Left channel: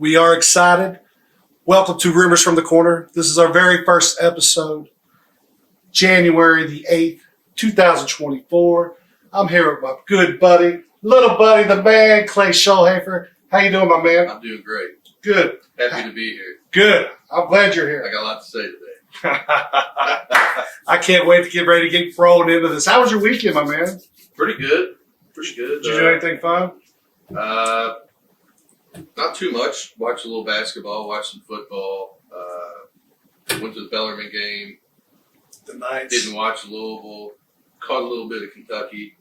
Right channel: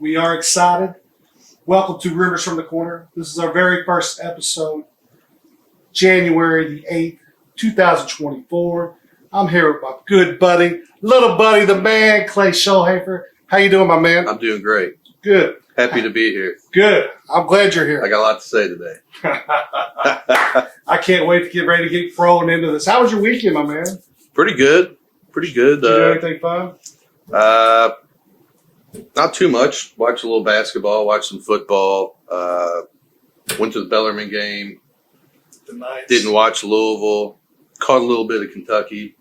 We are excited. Welcome to Rumors from the Corner. This is our very first episode, January the 8th, 2024. I'm here with my good buddy, little buddy, the man, Clay Schulhafer. How you doing, my man? I'm doing great. Good. Happy to be here. Good. I'm glad you're I here. got a lot to say today. I can't wait to get ready to get thrown into this. How was your weekend, my man? Pretty good. Pretty good. Did you do anything fun? Not too much. Watched a little basketball. Watched some football. Went to the Bellarmine game. Nice. Didn't watch Louisville. Caught a little bit of Kentucky.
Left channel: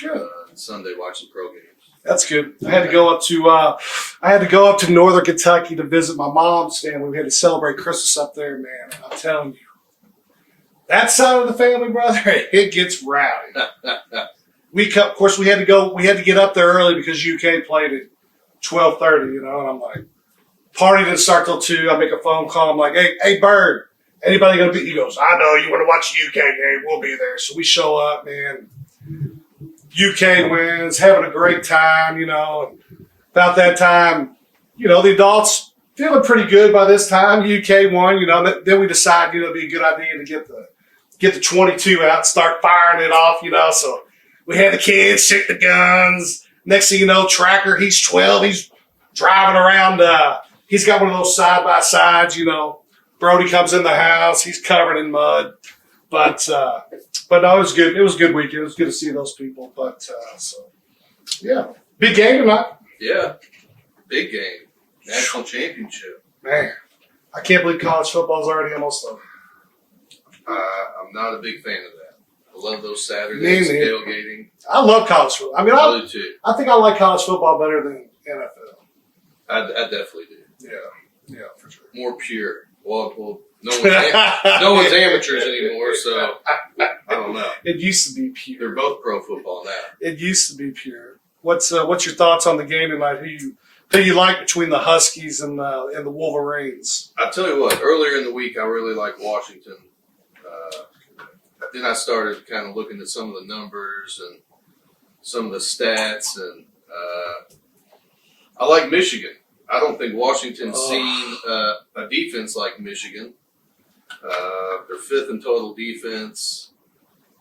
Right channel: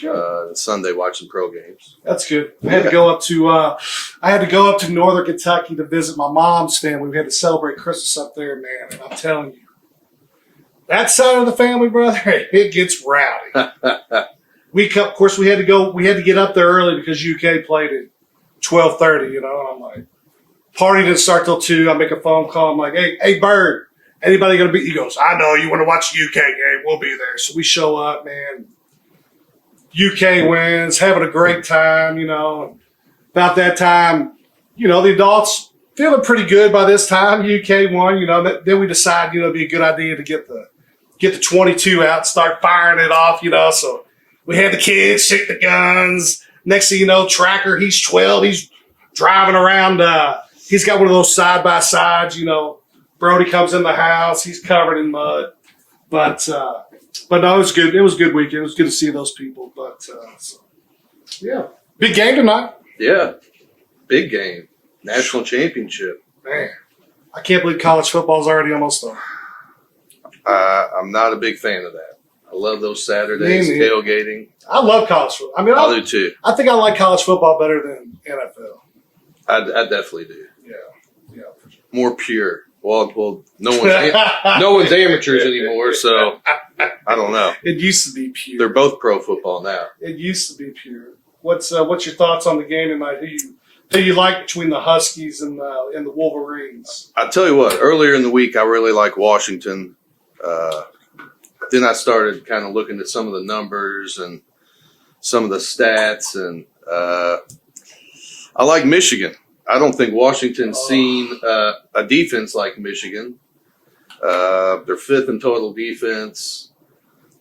Good. Sunday watching pro games. That's good. I had to go up to Northern Kentucky to visit my mom's family. We had to celebrate Christmas up there, man. And I'm telling you, that side of the family, brother, it gets rowdy. Of course, we had to get up there early because UK played at 12:30. And I'm like, party didn't start till 2. I make a phone call. I'm like, hey, Bird, anybody gonna be? He goes, I know you want to watch the UK game. We'll be there. So we show up, man. UK wins, having a great time, and about that time, the adults feeling pretty good by this time. UK won, then we decided, it'd be a good idea to get the 22 out, start firing it off, so we had the kids shoot the guns. Next thing you know, Tracker, he's 12, he's driving around, he's got one of those side-by-sides, Brody comes in the house, he's covered in mud. But no, it was good. It was a good weekend. It was good to see those people. Yeah. Big game tonight. Yeah. Big game. National championship. Man, I can't believe college football is already almost done. I'm not a big fan of that. I love those Saturdays, tailgating. I love college football. I do too. I think I like college football better than NFL. I definitely do. Yeah, for sure. More pure. Well, no one's amateurs anymore, so I don't know. It used to be pure. They're both pro football now. It used to be pure. What's your thoughts on the game tonight? Who you like between the Huskies and the Wolverines? I tell you what. Earlier in the week, I really liked Washington. Then I started kind of looking at some of the numbers and some of the stats, and I like Michigan. I don't think Washington's seen a defense like Michigan. They're 5th in total defense.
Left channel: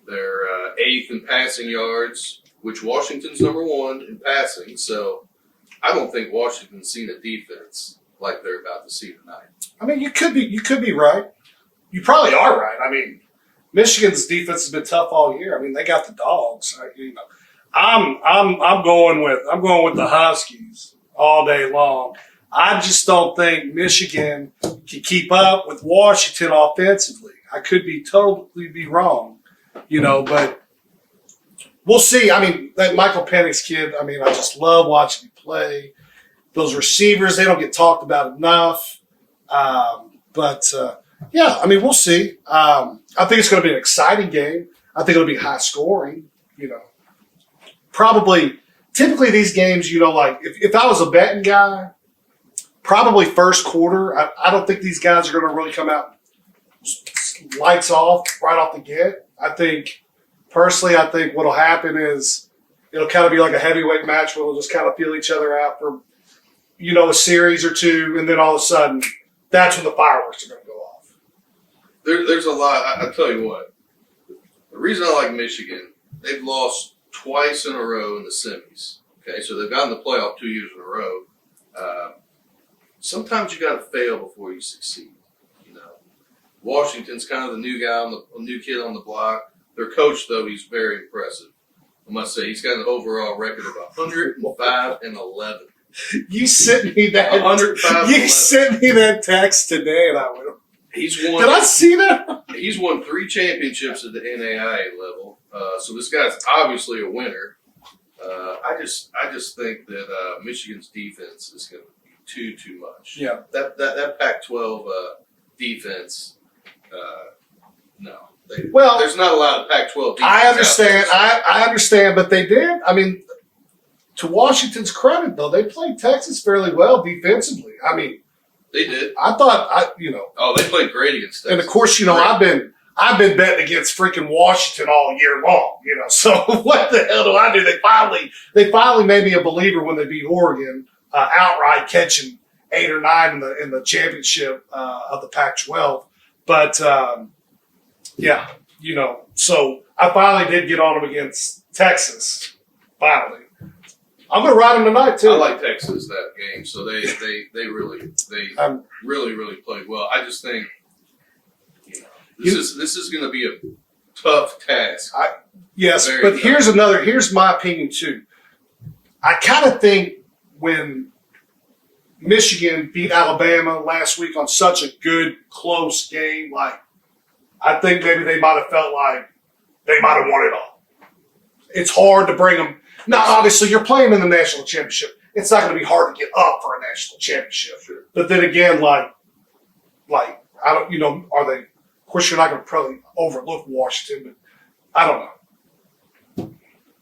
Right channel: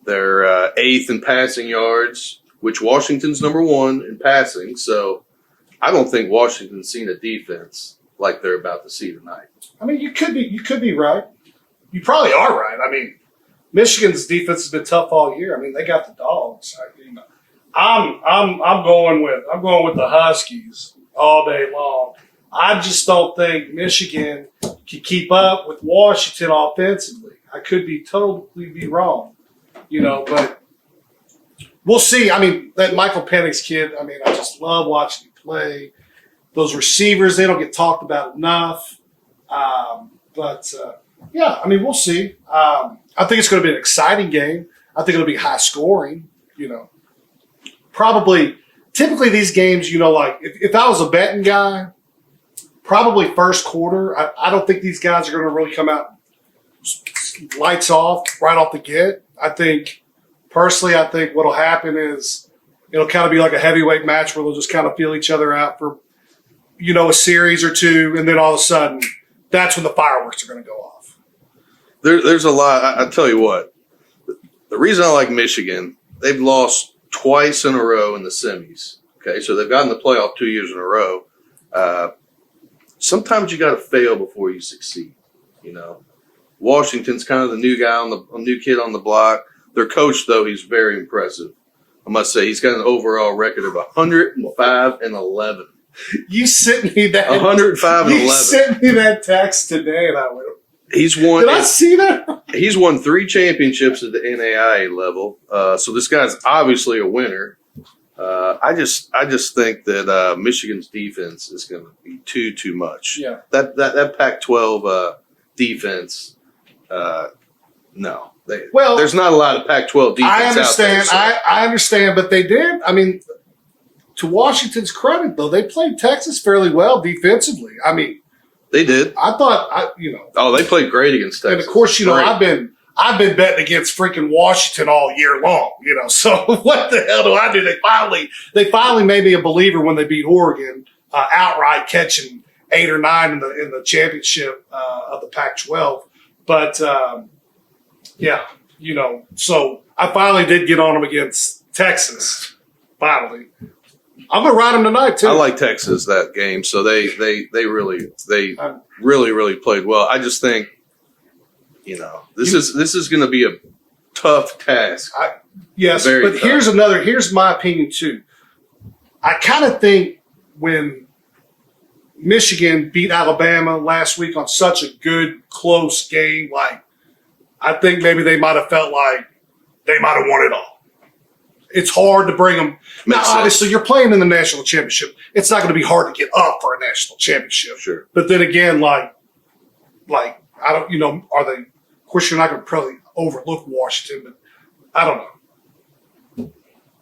They're 8th in passing yards, which Washington's number 1 in passing. So I don't think Washington's seen a defense like they're about to see tonight. I mean, you could be right. You probably are right. I mean, Michigan's defense has been tough all year. I mean, they got the dogs. I'm going with the Huskies all day long. I just don't think Michigan can keep up with Washington offensively. I could totally be wrong, but we'll see. I mean, that Michael Penix kid, I just love watching him play. Those receivers, they don't get talked about enough. Yeah, we'll see. I think it's going to be an exciting game. I think it'll be high scoring, Typically, these games, if I was a betting guy, probably first quarter, I don't think these guys are going to really come out lights off right off the get. Personally, I think what will happen is it'll kind of be like a heavyweight match where they'll just kind of feel each other out for, a series or two, and then all of a sudden, that's when the fireworks are going to go off. There's a lot. I tell you what, the reason I like Michigan, they've lost twice in a row in the semis. Okay, so they've gotten the playoff 2 years in a row. Sometimes you got to fail before you succeed. Washington's kind of the new guy new kid on the block. Their coach, though, he's very impressive. I must say, he's got an overall record of 105-11. You sent me that. 105-11. You sent me that text today, and I went, he's won. Did I see that? He's won 3 championships at the NAIA level. So this guy's obviously a winner. I just think that Michigan's defense is going to be too much. Yeah. That Pac-12 defense. No. There's not a lot of Pac-12 defense. I understand. Out there, so. I understand, but they did. To Washington's credit, though, they played Texas fairly well defensively. They did. I thought, Oh, they played great against Texas. And of course, I've been betting against freaking Washington all year long. So what the hell do I do? They finally made me a believer when they beat Oregon outright, catching 8 or 9 in the championship of the Pac-12. But yeah, so I finally did get on them against Texas. Finally, I'm gonna ride them tonight too. I like Texas that game, so they really played well. I just think, this is going to be a tough task. Yes, Very but tough. here's my opinion too. I kind of think when Michigan beat Alabama last week on such a good, close game, I think maybe they might have felt like they might have won it all. It's hard to bring them. Now, obviously, you're playing in the national championship. It's not going to be hard to get up for a national championship. Sure. But then again, I don't, are they? Of course, you're not going to probably overlook Washington, but I don't know.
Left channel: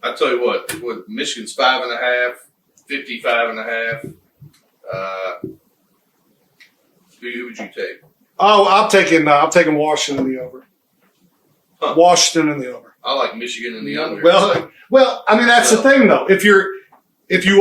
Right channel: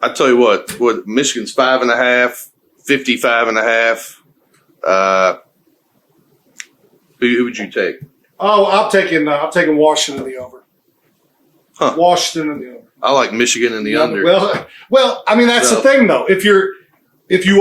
I tell you what Michigan's 5.5, 55.5. Who would you take? Oh, I'm taking Washington in the over. Huh. Washington in the over. I like Michigan in the under. Well, I mean that's the thing though. If you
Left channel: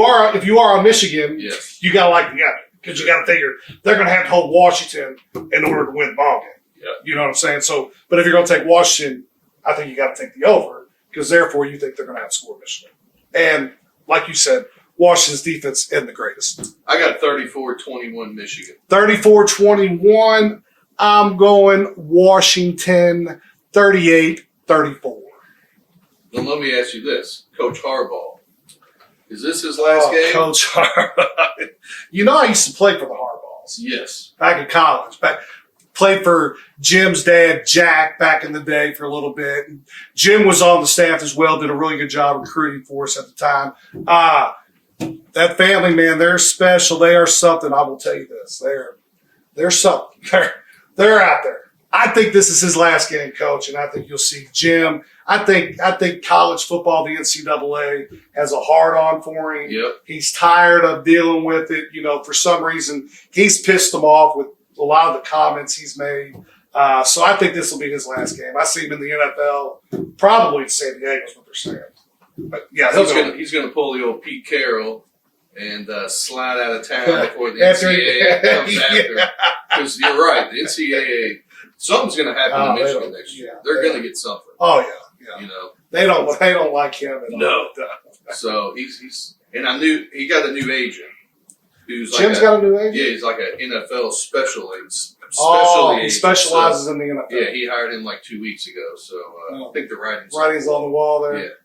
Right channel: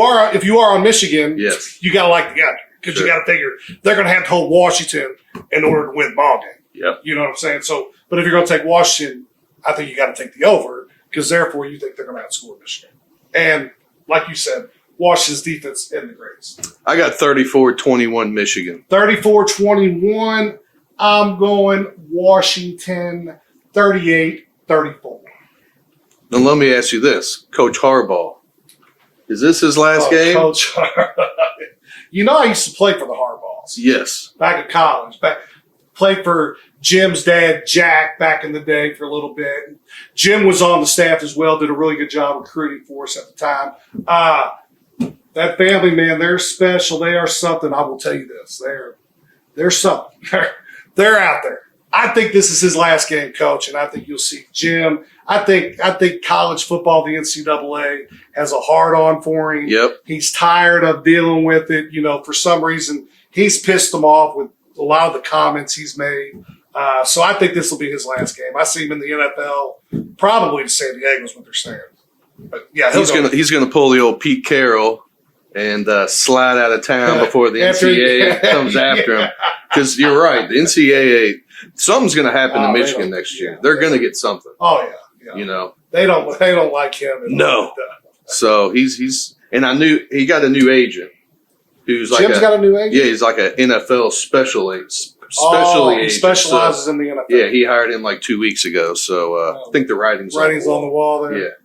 are on Michigan, yes, you gotta like the under because you gotta figure they're gonna have to hold Washington in order to win the ball game. Yep. You know what I'm saying? So, but if you're gonna take Washington, I think you got to take the over because therefore you think they're gonna outscore Michigan. And like you said, Washington's defense isn't the greatest. I got 34-21 Michigan. 34-21. I'm going Washington 38-34. Now let me ask you this, Coach Harbaugh. Is this his last game? Coach Harbaugh. I used to play for the Harbaughs. Yes. Back in college. Played for Jim's dad, Jack, back in the day for a little bit. And Jim was on the staff as well, did a really good job recruiting for us at the time. That family, man, they're special. They are something. I will tell you this. They're something. They're out there. I think this is his last game, Coach, and I think you'll see Jim. I think college football, the NCAA, has a hard on for him. Yep. He's tired of dealing with it. For some reason, he's pissed them off with a lot of the comments he's made. So I think this will be his last game. I see him in the NFL, probably to San Diego's what they're saying. But yeah, he's gonna pull the old Pete Carroll and slide out of town before the NCAA comes after him. Because you're right, the NCAA. Something's going to happen to Michigan next year. They're going to get something. Oh yeah. They don't like him. No. So he's and I knew he got a new agent. Who's like Jim's got a new agent. Yeah, he's like an NFL special agent. He specializes in the NFL. Yeah, he hired him like 2 weeks ago. So I think the writing's on the wall there.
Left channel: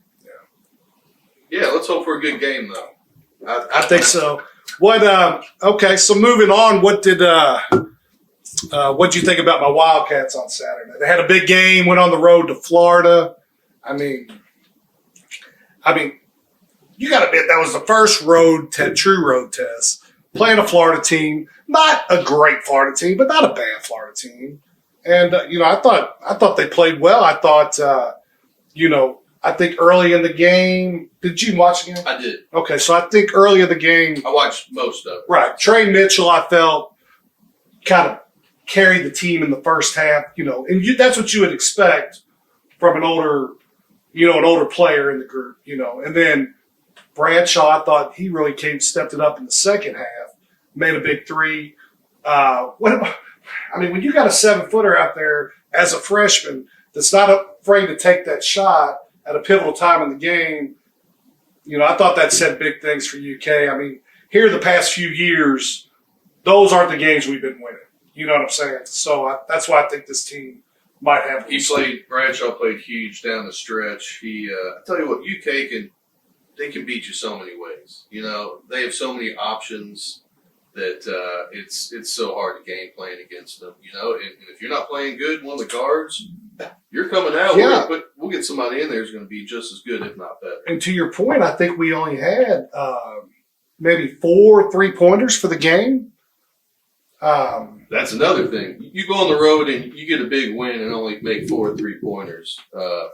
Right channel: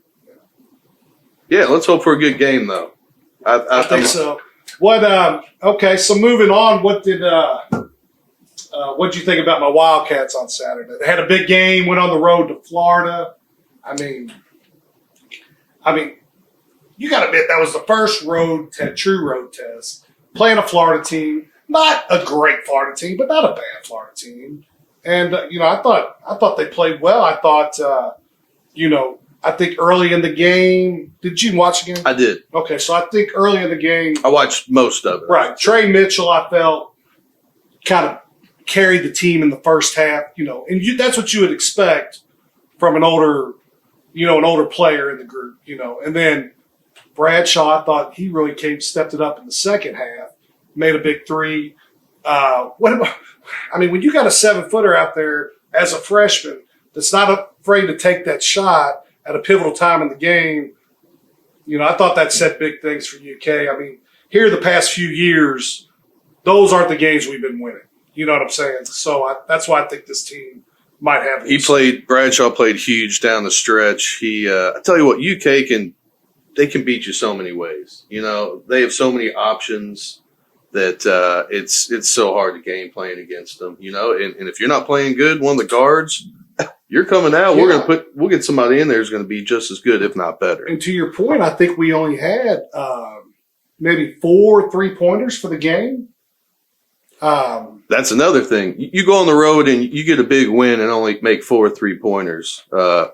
Yeah. Let's hope for a good game though. I think so. What? Okay. So moving on. What did you think about my Wildcats on Saturday? They had a big game, went on the road to Florida. I mean, you got to admit that was the first true road test. Playing a Florida team, not a great Florida team, but not a bad Florida team. And I thought they played well. I thought, I think early in the game, did you watch the game? I did. Okay, so I think early in the game, I watched most of it. Right, Trey Mitchell, I felt kind of carried the team in the first half, and that's what you would expect from an older player in the group, and then Bradshaw, I thought he really stepped it up in the second half, made a big three. When you got a 7-footer out there as a freshman that's not afraid to take that shot at a pivotal time in the game, I thought that said big things for UK. I mean, here the past few years, those aren't the games we've been winning. You know what I'm saying? So that's why I think this team might have. Bradshaw played huge down the stretch. I tell you what, UK can beat you so many ways. They have so many options that it's so hard to game playing against them. And if you're not playing good, one of the guards, you're coming out. Yeah. We'll get somebody in there who's going to be just as good, if not better. And to your point, I think we only had maybe 4 3-pointers for the game. That's another thing. You go on the road and you get a big win and only make 4 3-pointers. That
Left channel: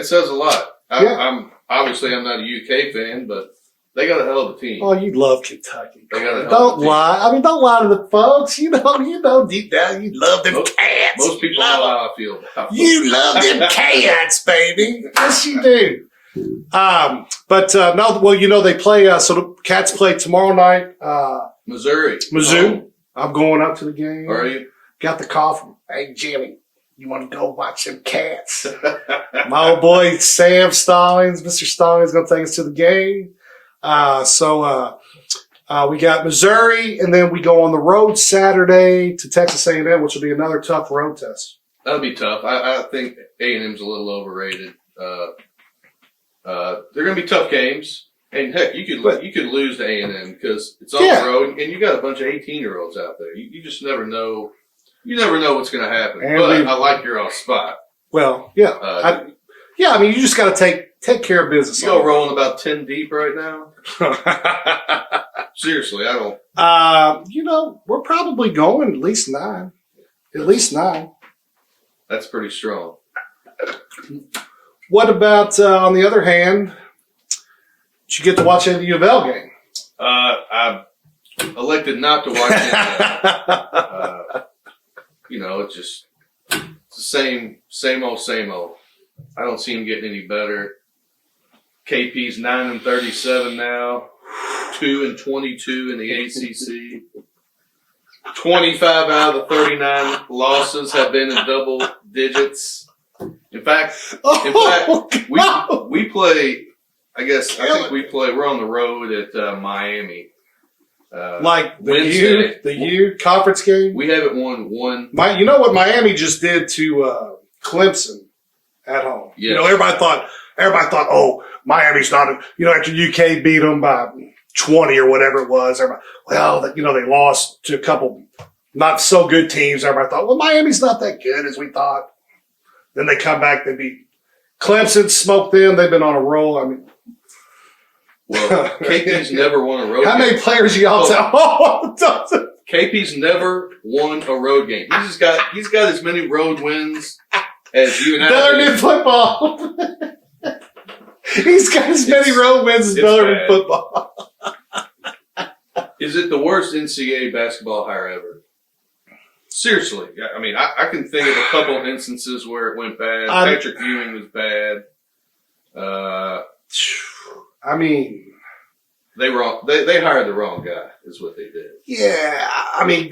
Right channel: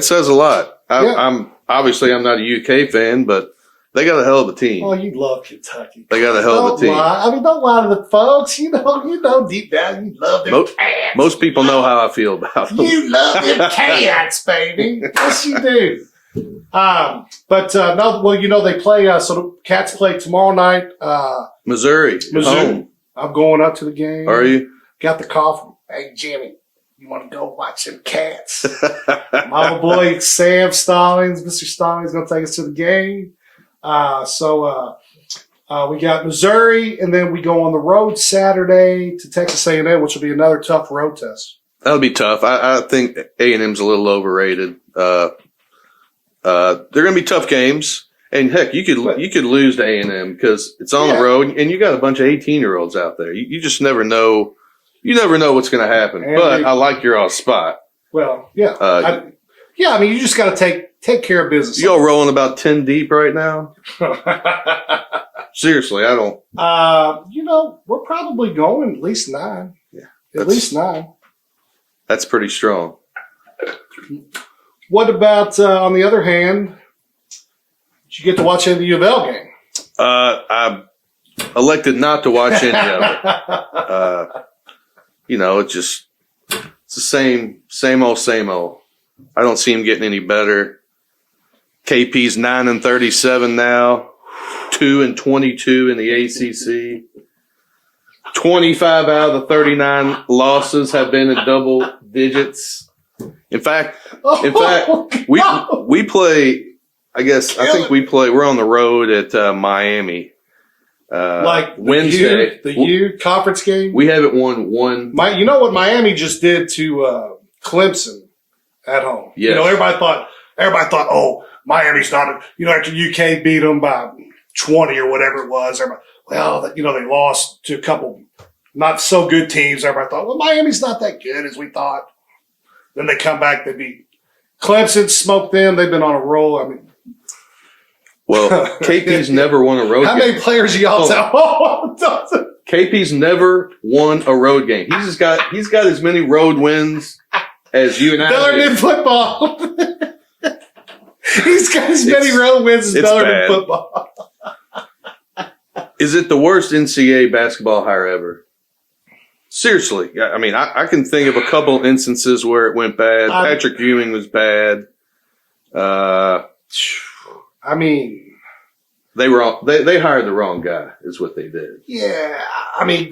says a lot. I'm not a UK fan, but they got a hell of a team. Oh, you love Kentucky. They got a hell of a team. Don't lie to the folks. You know deep down you love them cats. Most people know how I feel about them. You love them cats, baby. Yes, you do. No, well, they play. So the Cats play tomorrow night. Missouri. Mizzou. I'm going up to the game. Are you? Got the call from, hey, Jimmy, you want to go watch them Cats? My old boy, Sam Stallings, Mr. Stallings, going to take us to the game. We got Missouri, and then we go on the road Saturday to Texas A&M, which will be another tough road test. That'll be tough. I think A&M's a little overrated. They're going to be tough games. And heck, you could lose to A&M because it's on the road, and you got a bunch of 18-year-olds out there. You just never know. You never know what's going to happen. But I like your spot. Well, yeah, you just got to take care of business. You all rolling about 10 deep right now? Seriously, I don't. We're probably going at least 9. Yeah, at least 9. That's pretty strong. What about on the other hand? Did you get to watch any of the U of L game? I elected not to watch any of it. It's the same old. I don't see him getting any better. KP's 9-37 now, 2-22 in the ACC. 25 out of the 39 losses have been in double digits. In fact, we play. I think we play. We're on the road at Miami. Wednesday, the conference game. We haven't won one. You know what Miami just did to Clemson at home. Yes. Everybody thought, oh, Miami's not. After UK beat them by 20 or whatever it was. Everybody, they lost to a couple not so good teams. Everybody thought, well, Miami's not that good as we thought. Then they come back, they beat Clemson, smoked them. They've been on a roll. Well, KP's never won a road game. How many players y'all tell? KP's never won a road game. He's got as many road wins as you and I do. Bellarmine football. He's got as many road wins as Bellarmine football. Is it the worst NCAA basketball hire ever? Seriously. I can think of a couple of instances where it went bad. Patrick Ewing was bad. They hired the wrong guy is what they did. Yeah,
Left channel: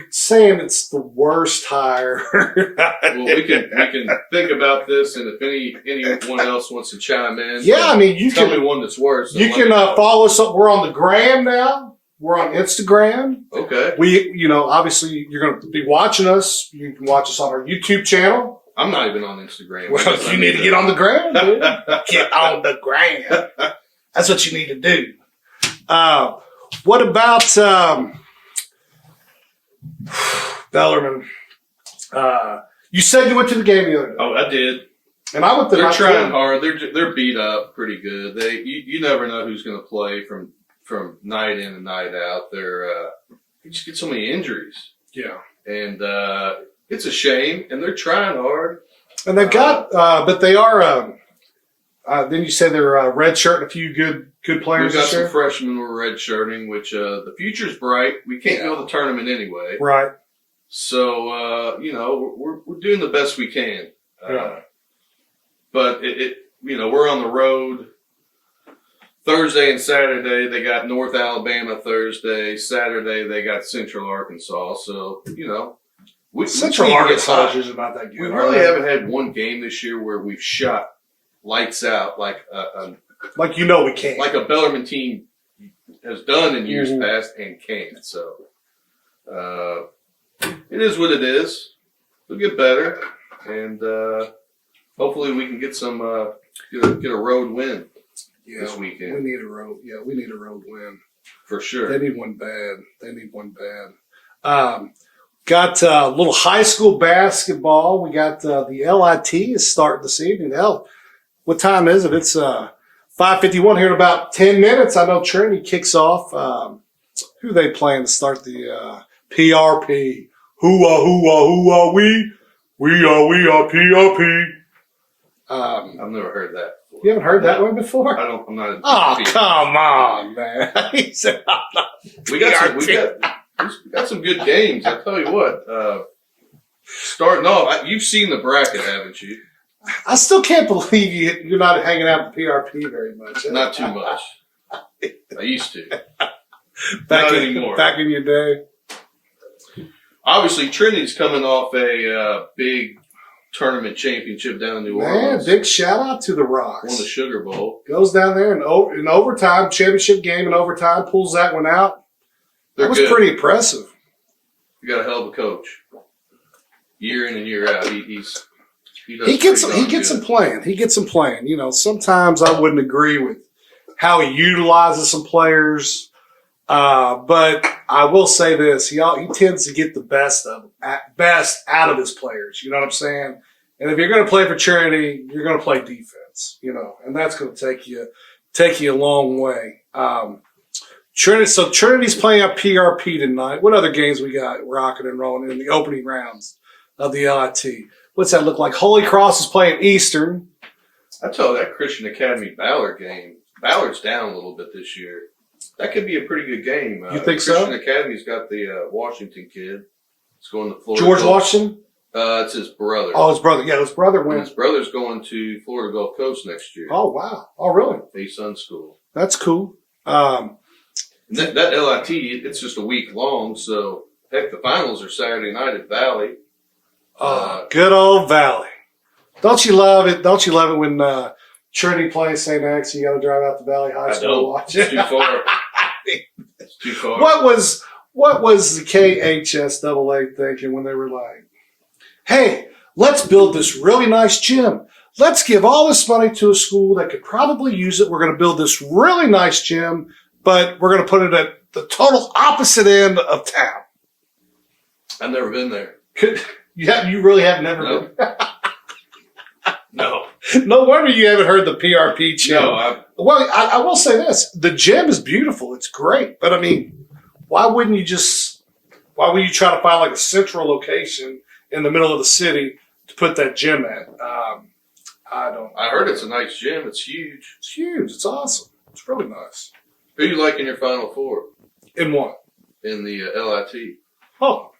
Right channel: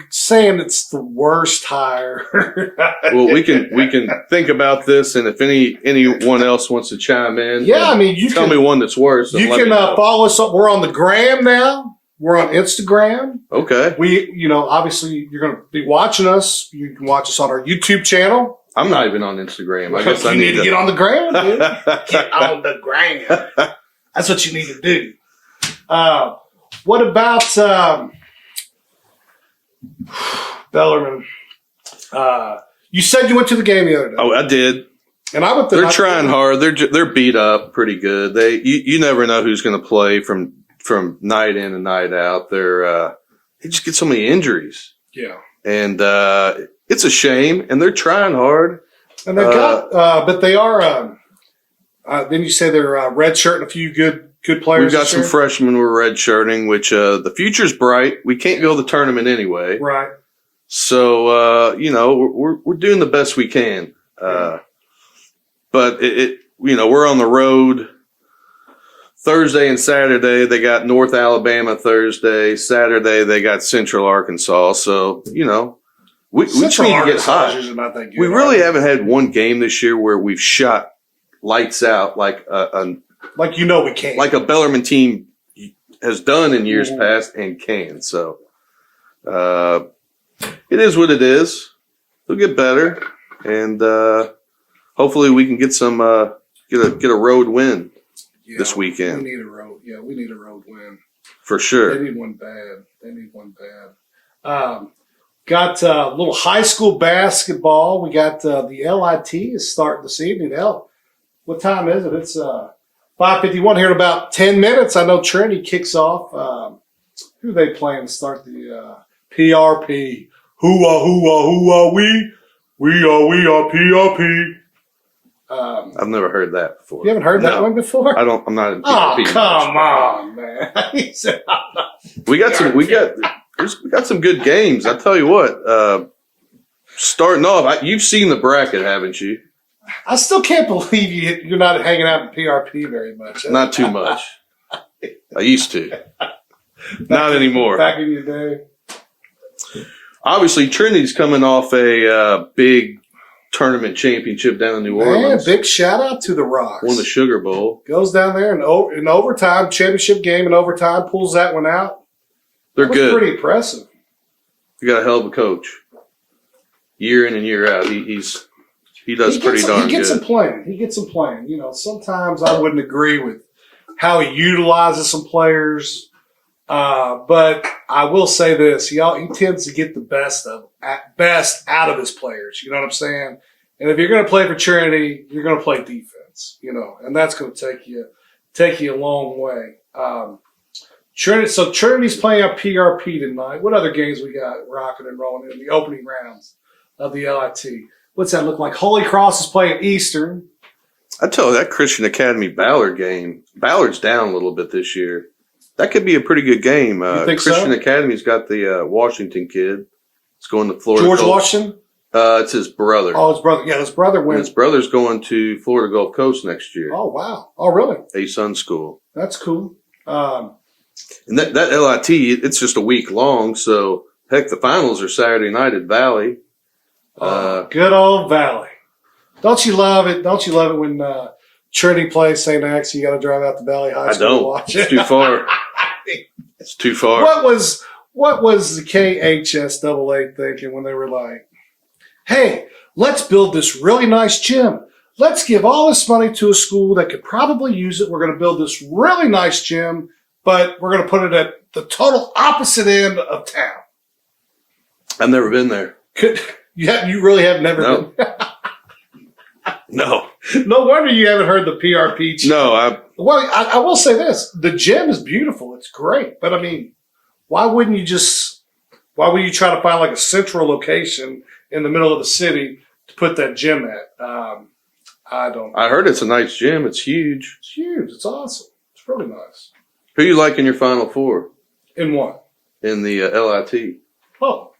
saying it's the worst hire. Well, we can think about this, and if anyone else wants to chime in, you tell me one that's worse. You can follow us. We're on the gram now. We're on Instagram. Okay. We, obviously you're going to be watching us. You can watch us on our YouTube channel. I'm not even on Instagram. I guess you need to get on the gram, dude. Get on the gram. That's what you need to do. What about Bellarmine? You said you went to the game the other day. Oh, I did. And I went. They're trying hard. They're beat up pretty good. You never know who's going to play from night in and night out. They just get so many injuries. Yeah, and it's a shame. And they're trying hard. And they've got, but they are. Then you say they're redshirting a few good players. We've got some freshmen we're redshirting, which the future's bright. We can't go to the tournament anyway, right? So we're doing the best we can. But we're on the road Thursday and Saturday. They got North Alabama Thursday. Saturday they got Central Arkansas. So we Central Arkansas is about that good. We really haven't had one game this year where we've shot lights out like we can, like a Bellarmine team has done in years past and can. So it is what it is. We'll get better, and hopefully we can get some get a road win this weekend. We need a road. Yeah, we need a road win for sure. They need one bad. Got a little high school basketball. We got the LIT is starting this evening. Hell, what time is it? It's 5:51 here in about 10 minutes. I know Trinity kicks off. Who are they playing to start the PRP? Who are we? We are PRP. I've never heard that before. You haven't heard that one before? I'm not in PRP. Oh, come on, man. He said, we got some good games. I tell you what, starting off, you've seen the bracket, haven't you? I still can't believe you're not hanging out with PRP very much. Not too much. I used to. Not anymore. Back in your day. Obviously, Trinity's coming off a big tournament championship down in New Orleans. Big shout out to the Rocks. Won the Sugar Bowl. Goes down there and in overtime, championship game in overtime, pulls that one out. They're that was good. Pretty impressive. You got a hell of a coach. Year in and year out, he does pretty darn good. He gets him playing. He gets them playing. You know, sometimes I wouldn't agree with how he utilizes some players, but I will say this: he tends to get the best out of his players. You know what I'm saying? And if you're going to play for Trinity, you're going to play defense. You know, and that's going to take you a long way. Trinity's playing our PRP tonight. What other games we got rocking and rolling in the opening rounds of the LIT? What's that look like? Holy Cross is playing Eastern. I tell you, that Christian Academy Ballard game, Ballard's down a little bit this year. That could be a pretty good game. Christian Academy's got the Washington kid. It's going to Florida. George Washington? It's his brother. Oh, his brother. Yeah, his brother wins. His brother's going to Florida Gulf Coast next year. Oh, wow. Oh, really? A-Sun School. That's cool. And that LIT, it's just a week long, so heck, the finals are Saturday night at Valley. Good old Valley. Don't you love it? Don't you love it when Trinity plays St. X? You got to drive out to Valley High School to watch it. It's too far. It's too far. What was the KHSAA thinking when they were like, "Hey, let's build this really nice gym. Let's give all this money to a school that could probably use it. We're going to build this really nice gym, but we're going to put it at the total opposite end of town." I've never been there. You really have never been. No. No wonder you haven't heard the PRP gym. No, I will say this. The gym is beautiful. It's great. But, I mean, why would you try to find like a central location in the middle of the city to put that gym at? I heard it's a nice gym. It's huge. It's huge. It's awesome. It's really nice. Who you like in your Final Four? In what? In the LIT. Oh,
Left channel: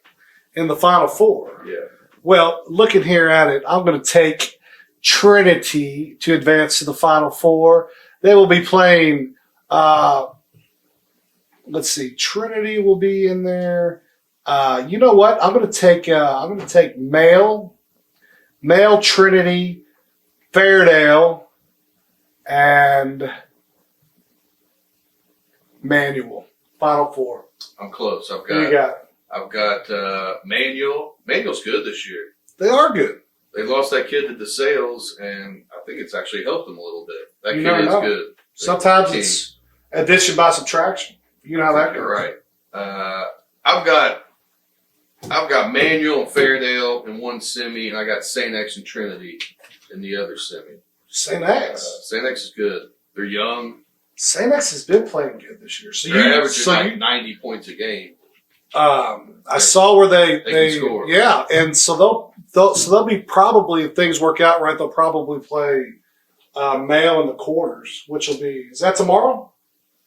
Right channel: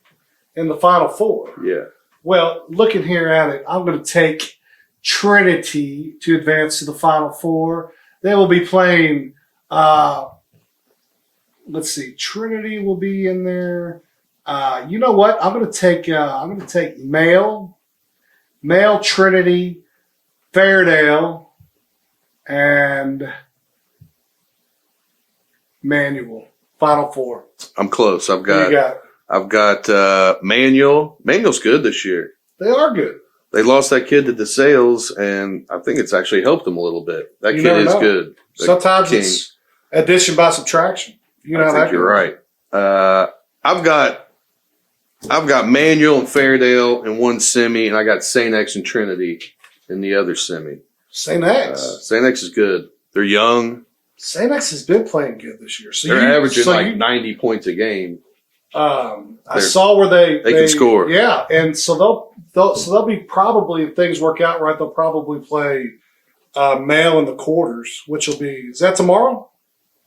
in the Final Four. Yeah. Well, looking here at it, I'm going to take Trinity to advance to the Final Four. They will be playing. Let's see. Trinity will be in there. You know what? I'm going to take male Trinity, Fairdale, and Manual. Final Four. I'm close. I've Who you got? Manual. Manual's good this year. They are good. They lost that kid to DeSales, and I think it's actually helped them a little bit. That kid is good. Sometimes it's addition by subtraction. You know I think you're right. I've got Manual and Fairdale in one semi, and I got St. X and Trinity in the other semi. St. X. St. X is good. They're young. St. X has been playing good this year. They're averaging 90 points a game. I saw where they can score. Yeah, and so they'll be probably, if things work out right, they'll probably play male in the quarters, which will be, is that tomorrow?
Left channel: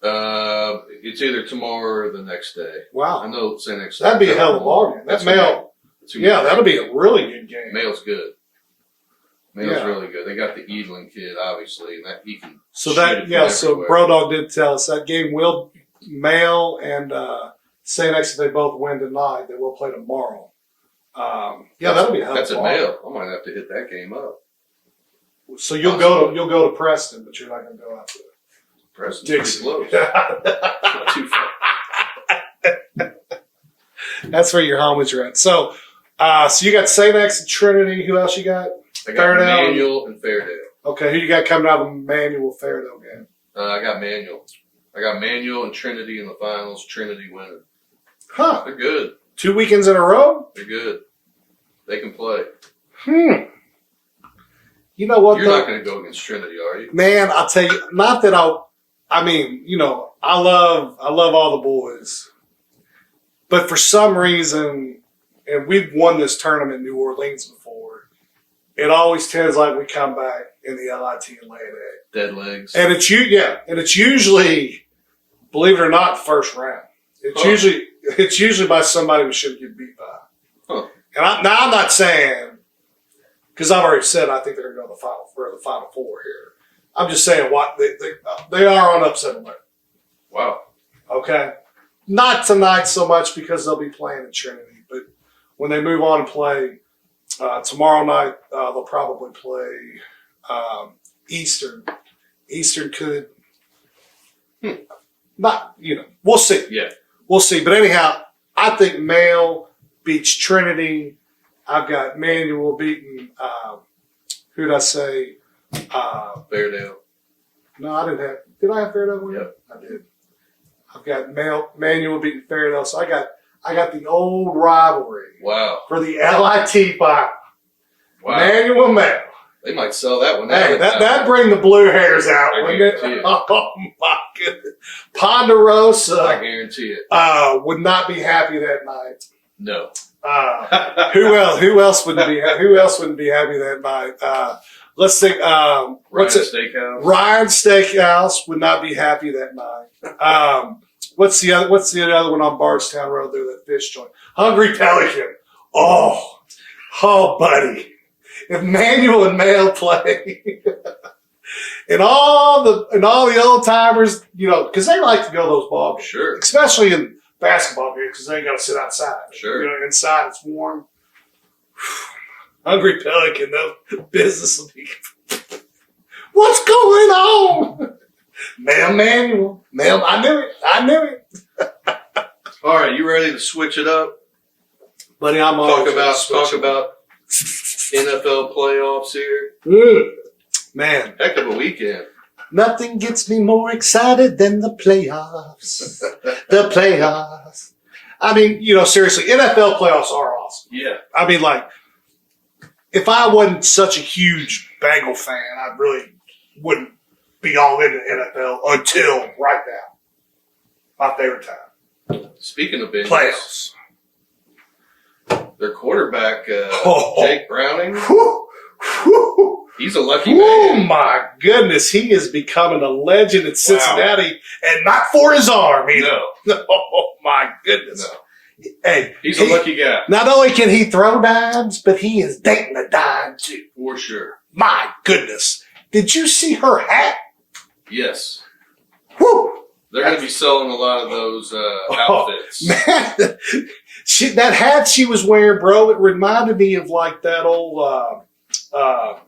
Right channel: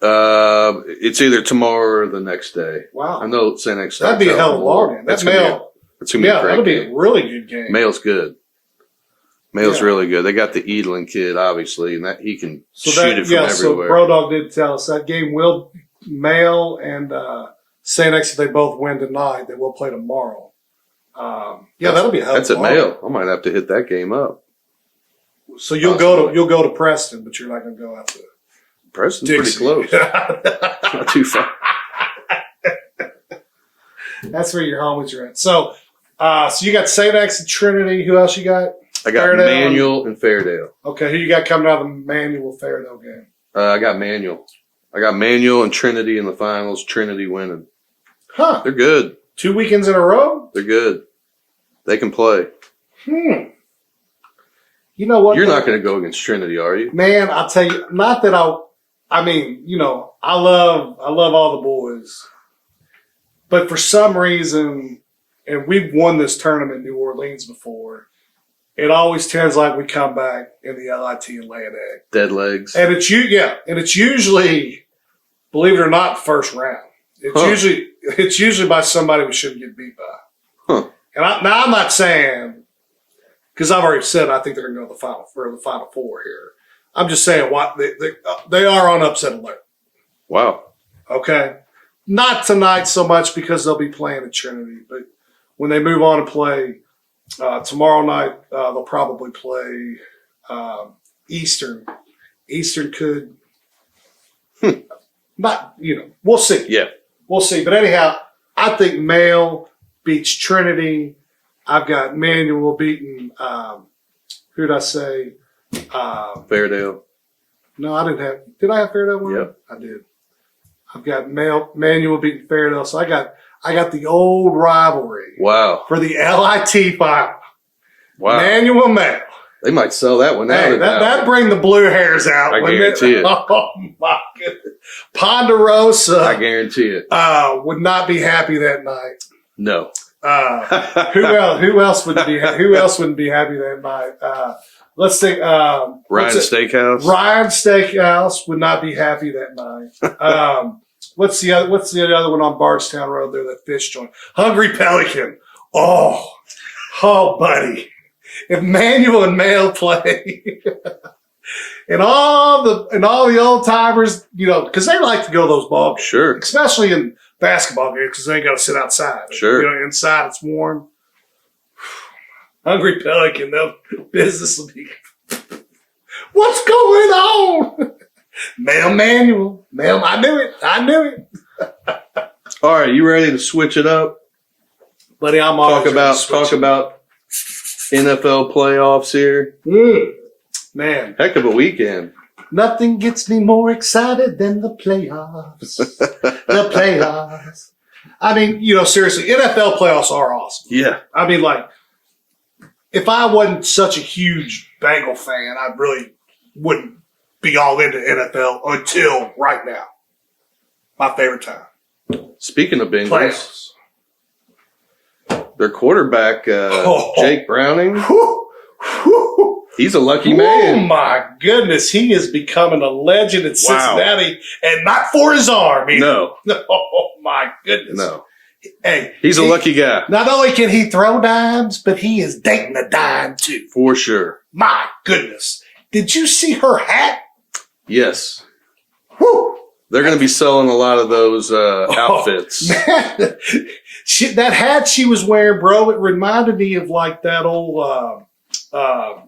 It's either tomorrow or the next day. Wow. I know St. X. That'd be a hell of a ball game. That's male. That'll be a really good game. Male's good. Male's really good. They got the Edlin kid, obviously, and that he can shoot it from everywhere. So Brodog did tell us that game will male and St. X, if they both win tonight, they will play tomorrow. That'll be a hell of a ball. That's at Male. I might have to hit that game up. So you'll go to Preston, but you're not going to go out to Preston's Dixie. pretty close. Not too far. That's where your homies are at. So you got St. X and Trinity. Who else you got? I got Manual and Fairdale. Okay, who you got coming out of the Manual Fairdale game? I got Manual. I got Manual and Trinity in the finals. Trinity winning. Huh. They're good. 2 weekends in a row? They're good. They can play. You know what? You're not going to go against Trinity, are you? Man, I'll tell you, not that I love all the boys. But for some reason, and we've won this tournament in New Orleans before, it always tends like we come back in the LIT and lay an egg. Dead legs. And it's usually, believe it or not, first round. It's usually by somebody we shouldn't get beat by. Huh. And I'm not saying because I've already said I think they're going to go to the final four here. I'm just saying what they are on upset alert. Wow. Okay, not tonight so much because they'll be playing at Trinity, but when they move on and play tomorrow night, they'll probably play Eastern. Eastern could not, we'll see. Yeah, we'll see. But anyhow, I think Mail beats Trinity. I've got Manual beating. Who'd I say? Fairdale. No, I didn't have. Did I have Fairdale winning? Yep. I did. I've got Manual beating Fairdale. So I got the old rivalry. Wow. For the LIT final. Wow. Manual Mail. They might sell that one out. Hey, that'd bring the blue hairs out. I guarantee it. Oh my goodness. Ponderosa. I guarantee it. Would not be happy that night. No. Who else wouldn't be happy that night? Let's think. Ryan Steakhouse. Ryan Steakhouse would not be happy that night. What's the other one on Bardstown Road there? That fish joint. Hungry Pelican. Oh, buddy. If Manual and Mail play, and all the old timers, because they like to go to those ball games, Sure. especially in basketball games, because they got to sit outside. Sure. Inside it's warm. Hungry Pelican, though, business will be. What's going on? Manual. I knew it. All right, you ready to switch it up? Buddy, I'm talk about NFL playoffs here. Man, heck of a weekend. Nothing gets me more excited than the playoffs. The playoffs. I mean, seriously, NFL playoffs are awesome. Yeah. I mean, if I wasn't such a huge Bengal fan, I really wouldn't be all into NFL until right now. My favorite time. Speaking of Bengals, Playoffs. Their quarterback, Jake Browning, he's a lucky man. Oh, my goodness. He is becoming a legend in Cincinnati, and not for his arm either. No. Oh, my goodness. No. Hey, he's a lucky guy. Not only can he throw dimes, but he is dating a dime, too. For sure. My goodness. Did you see her hat? Yes. Whew. They're going to be selling a lot of those outfits. Man, that hat she was wearing, bro, it reminded me of that old, the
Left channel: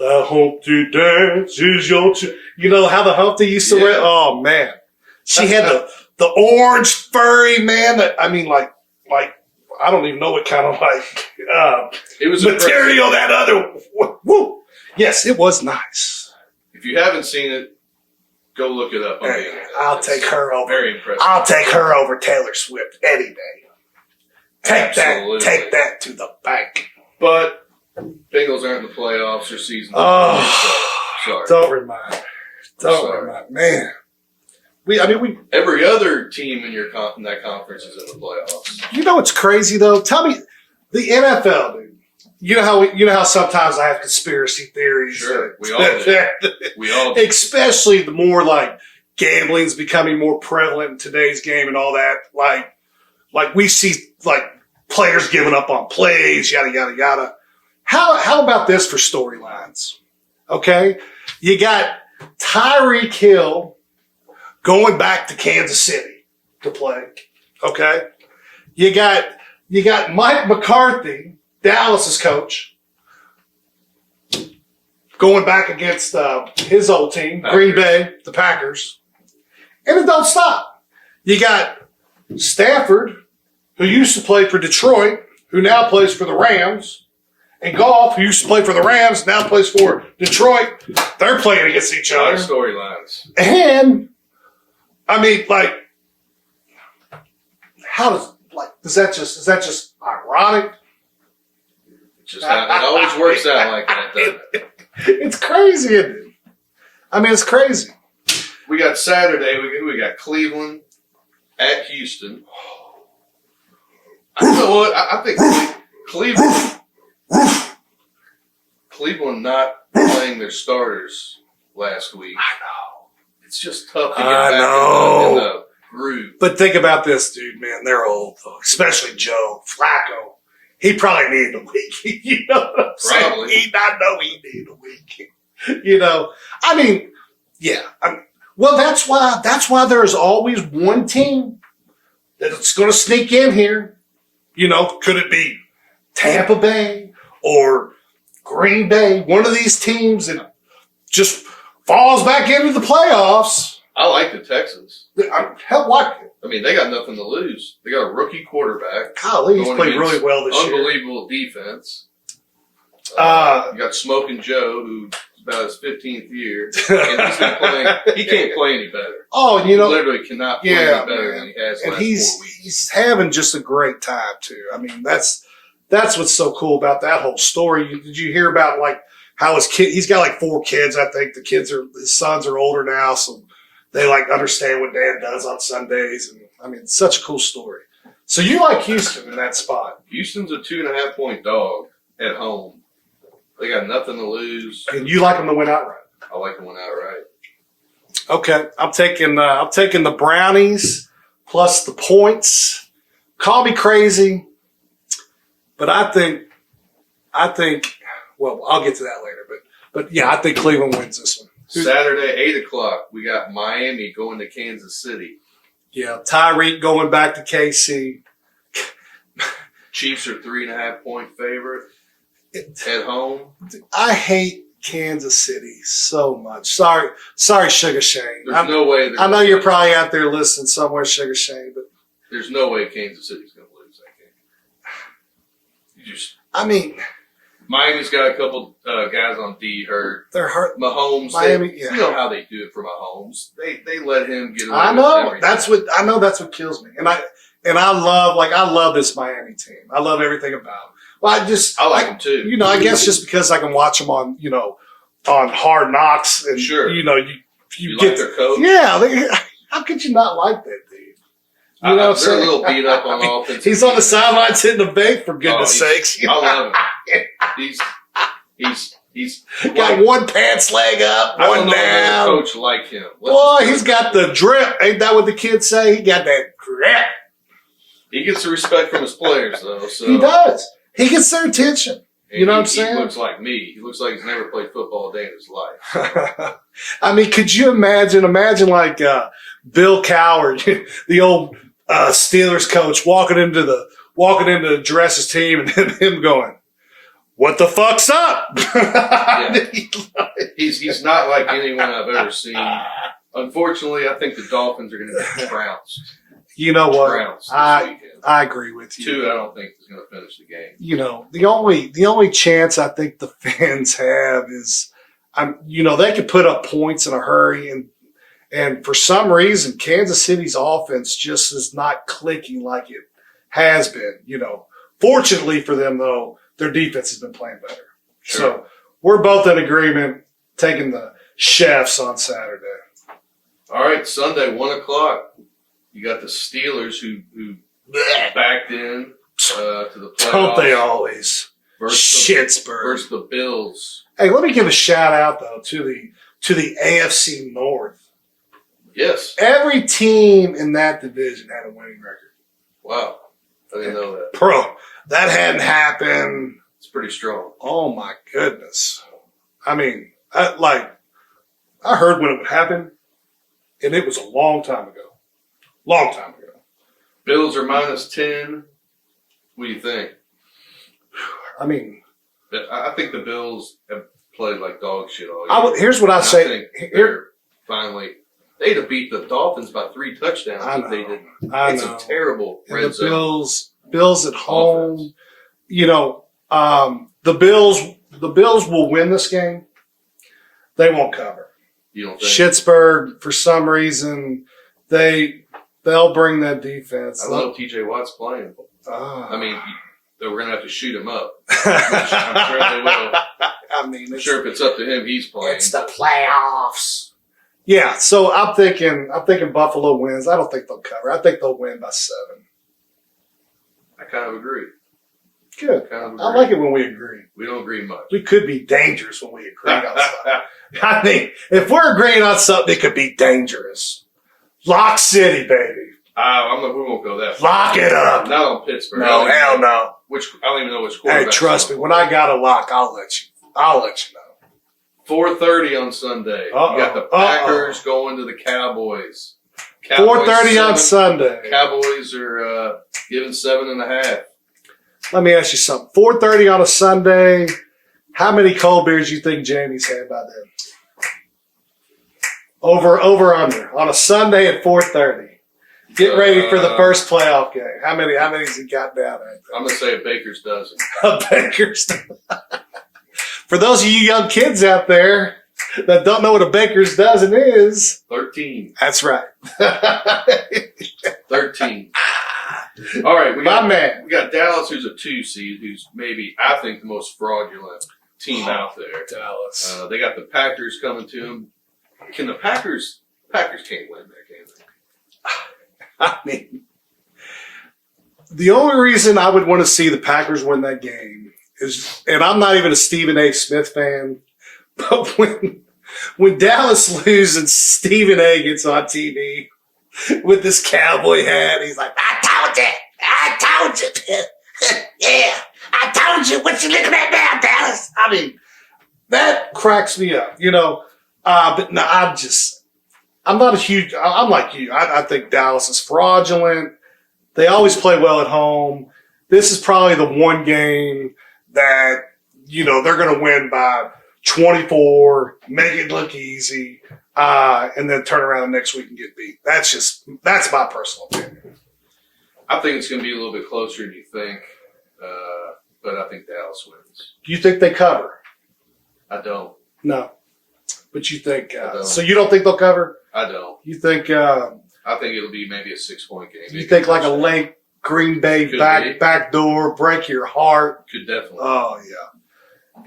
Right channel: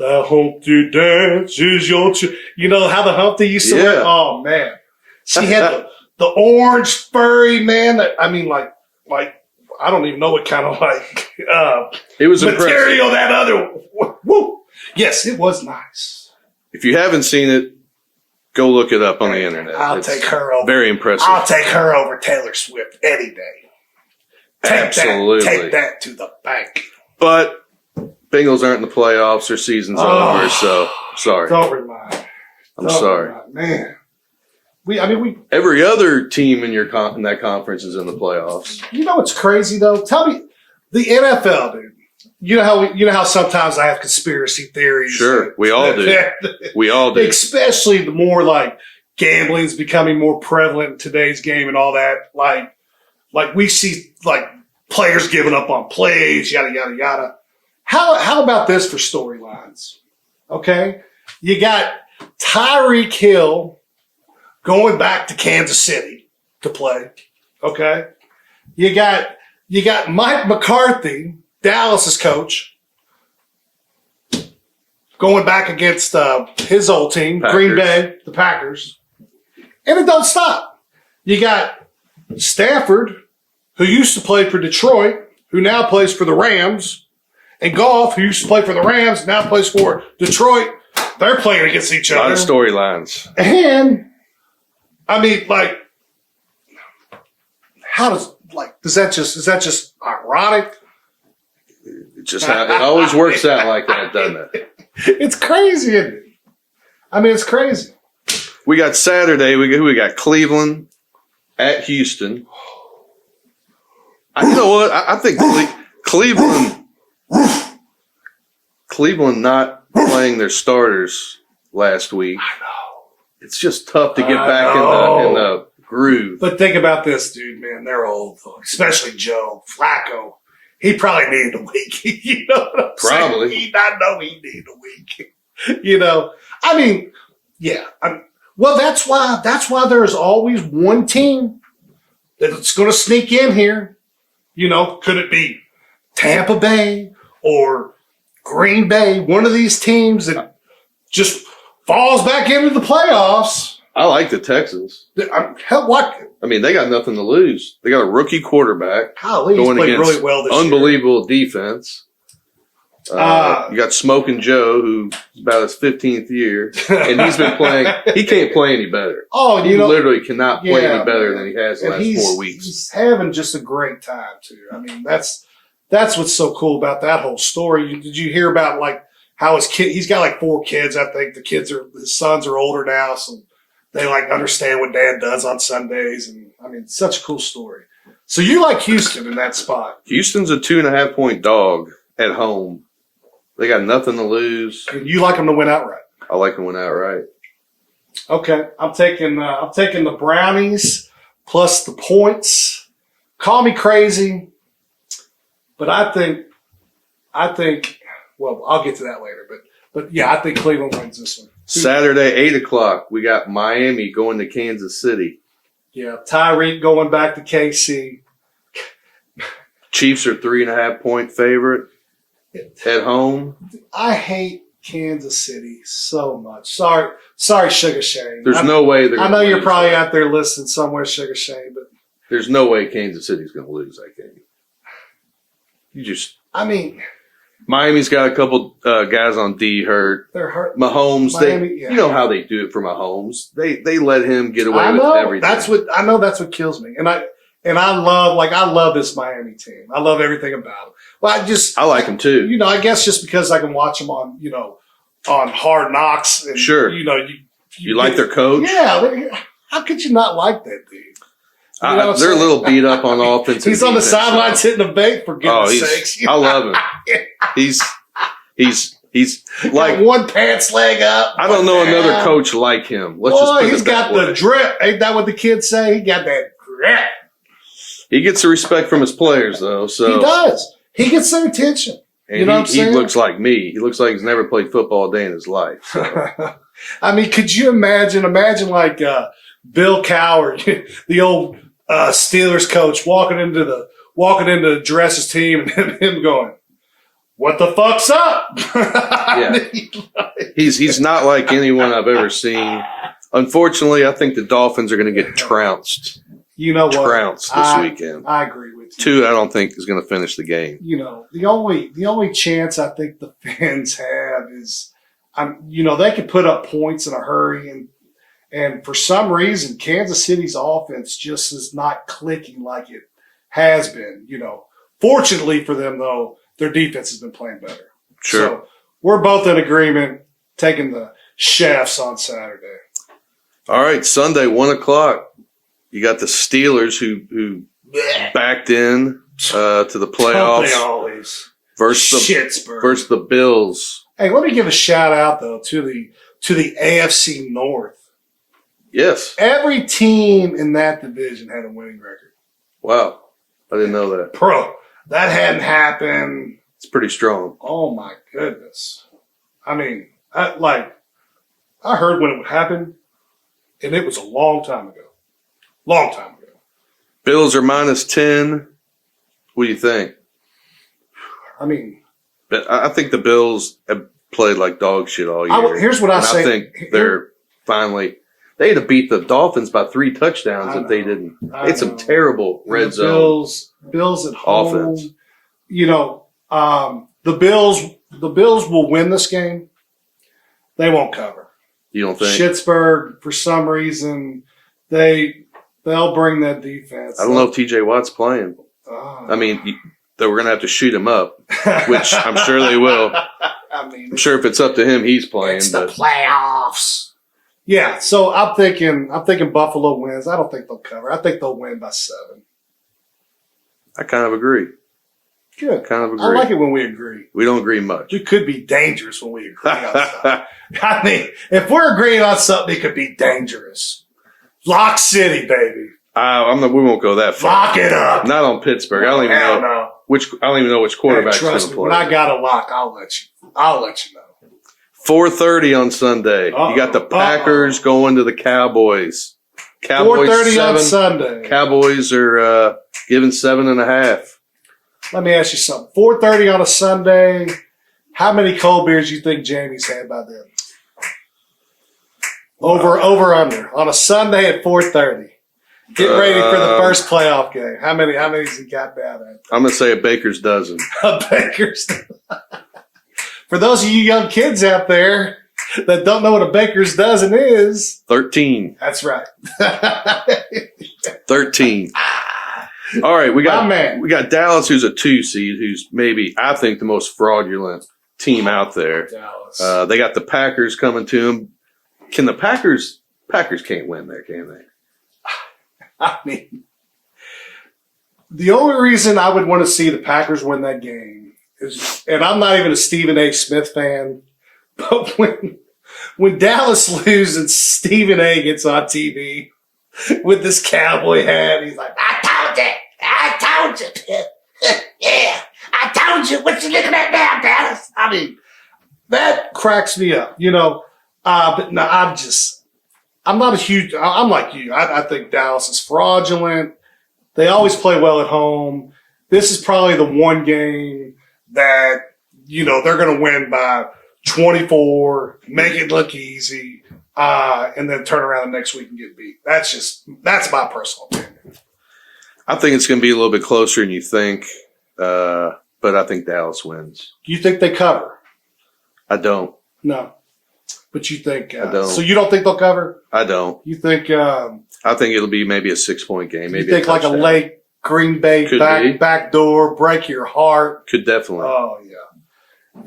Humpty Dance is your how the Humpty used to wear? Oh, man. She had the orange furry, man. I mean, like I don't even know what kind of it was material impressive. that other. Woo. Yes, it was nice. If you haven't seen it, go look it up on the internet. I'll take her over. Very impressive. I'll take her over Taylor Swift any day. Absolutely. Take that to the bank. But Bengals aren't in the playoffs. Their season's over, so sorry. Don't remind me. I'm sorry. Man. Every other team in in that conference is in the playoffs. You know what's crazy though? Tell me, the NFL, dude. You know how sometimes I have conspiracy theories. Sure, we all do. We all do. Especially the more gambling's becoming more prevalent in today's game and all that. Like we see players giving up on plays, yada yada yada. How about this for storylines? Okay, you got Tyreek Hill going back to Kansas City to play. Okay. You got Mike McCarthy, Dallas's coach, going back against his old team, Packers. Green Bay, the Packers. And it don't stop. You got Stafford, who used to play for Detroit, who now plays for the Rams, and Goff, who used to play for the Rams, now plays for Detroit. They're playing against each A lot other. of storylines. And I mean, how is that just ironic? It always works out like that, doesn't it? It's crazy, isn't it? I mean, it's crazy. We got Saturday. We got Cleveland at Houston. You know what? I think Cleveland not playing their starters last week. I know. It's just tough to get back in the groove. But think about this, dude, man. They're old, especially Joe Flacco. he probably needed a week. You know what I'm Probably. saying? He not know he needed a week. You know, I mean, yeah. Well, that's why there's always one team that's going to sneak in here. You know, could it be Tampa Bay or Green Bay? One of these teams that just falls back into the playoffs. I like the Texans. Hell, what? I mean, they got nothing to lose. They got a rookie quarterback. Golly, he's played really well this year. Unbelievable defense. You got Smoking Joe, who's about his 15th year, and he's been playing. He can't play any better. Oh, he literally cannot play any better than he has the last last 4 weeks. He's having just a great time too. I mean, that's what's so cool about that whole story. Did you hear about like how his kid? He's got like 4 kids. I think his sons are older now, so they like understand what Dad does on Sundays. And I mean, it's such a cool story. So you like Houston in that spot? Houston's a 2.5 point dog at home. They got nothing to lose. And you like them to win outright? I like them to win outright. Okay, I'm taking the Brownies plus the points. Call me crazy, but I think. Well, I'll get to that later. But yeah, I think Cleveland wins this one. Saturday, 8:00, we got Miami going to Kansas City. Yeah, Tyreek going back to KC. Chiefs are 3.5 point favorite at home. I hate Kansas City so much. Sorry, Sugar Shane. There's no way. I know you're probably out there listening somewhere, Sugar Shane, but there's no way Kansas City's going to lose that game. I mean, Miami's got a couple guys on D hurt. They're hurt. Mahomes, Miami, you know how they do it for Mahomes. They let him get away with everything. That's what kills me. And I love this Miami team. I love everything about them. Well, I like them too. You know, I guess just because I can watch them on Hard Knocks. And, sure. You know, you like their coach? Yeah. How could you not like that dude? You know they're a little beat up on offense. He's on the sidelines hitting the bait, for goodness sakes. I love him. He's like got one pants leg up. I don't know another coach like him. He's got the drip. Ain't that what the kids say? He got that drip. He gets the respect from his players, though. So he does. He gets their attention. And you know what I'm saying? He looks like me. He looks like he's never played football a day in his life. So. I mean, could you imagine like Bill Cowher, the old Steelers coach, walking into the dress team and him going, "What the fuck's up?" Yeah. He's not like anyone I've ever seen. Unfortunately, I think the Dolphins are going to get trounced. You know what? Trounced this weekend. I agree with you. 2, I don't think is going to finish the game. You know, the only chance I think the fans have is, they could put up points in a hurry, and for some reason, Kansas City's offense just is not clicking like it has been. You know, fortunately for them though, their defense has been playing better. Sure. So we're both in agreement taking the Chefs on Saturday. All right, Sunday, 1:00. You got the Steelers who backed in to the playoffs. Don't they always? Versus the Bills. Hey, let me give a shout out though to the AFC North. Yes. Every team in that division had a winning record. Wow. I didn't know that. Bro, that hadn't happened. It's pretty strong. Oh my goodness. I mean, I heard when it would happen, and it was a long time ago. Long time ago. Bills are -10. What do you think? I mean, I think the Bills have played like dog shit all year. Here's what I say. I think they're finally. They'd have beat the Dolphins by 3 touchdowns if they didn't. It's a terrible red zone. Bills at home. Offense. You know, the Bills will win this game. They won't cover. You don't think? Pittsburgh, for some reason, they'll bring that defense. I don't know if TJ Watt's playing. I mean, they were going to have to shoot him up, which I'm sure they will. I'm sure if it's up to him, he's playing. It's the playoffs. Yeah, so I'm thinking Buffalo wins. I don't think they'll cover. I think they'll win by 7. I kind of agree. Good. Kind of agree. I like it when we agree. We don't agree much. We could be dangerous when we agree on something. I mean, if we're agreeing on something, it could be dangerous. Lock City, baby. We won't go that far. Lock it up. Not on Pittsburgh. No, hell no. I don't even know which Hey, quarterback. trust me, when I got a lock, I'll let you know. 4:30 on Sunday. You got the Packers going to the Cowboys. 4:30 on Sunday. Cowboys are giving 7.5. Let me ask you something. 4:30 on a Sunday. How many cold beers do you think Jamie's had by then? Over under on a Sunday at 4:30. Get ready for the first playoff game. How many has he got down at? I'm gonna say a baker's dozen. A baker's dozen. For those of you young kids out there that don't know what a baker's dozen is, 13. that's right. 13. All right, we got Dallas, who's a 2 seed, who's maybe I think the most fraudulent team out there. Dallas. They got the Packers coming to them. Can the Packers can't win there, can they? I mean, the only reason I would want to see the Packers win that game is, and I'm not even a Stephen A. Smith fan, but when Dallas loses and Stephen A. gets on TV with this cowboy hat, he's like, I told you. Yeah, I told you. What you looking at now, Dallas? I mean, that cracks me up, but no, I'm like you. I think Dallas is fraudulent. They always play well at home. This is probably the one game that, they're going to win by 24, make it look easy, and then turn around the next week and get beat. That's my personal opinion. I think it's going to be a little bit closer than you think, but I think Dallas wins. Do you think they cover? I don't. No. But you think I don't. So you don't think they'll cover? I don't. You think I think it'll be maybe a 6-point game. Maybe you think like a late Green Bay back door, break your heart? Could definitely. Oh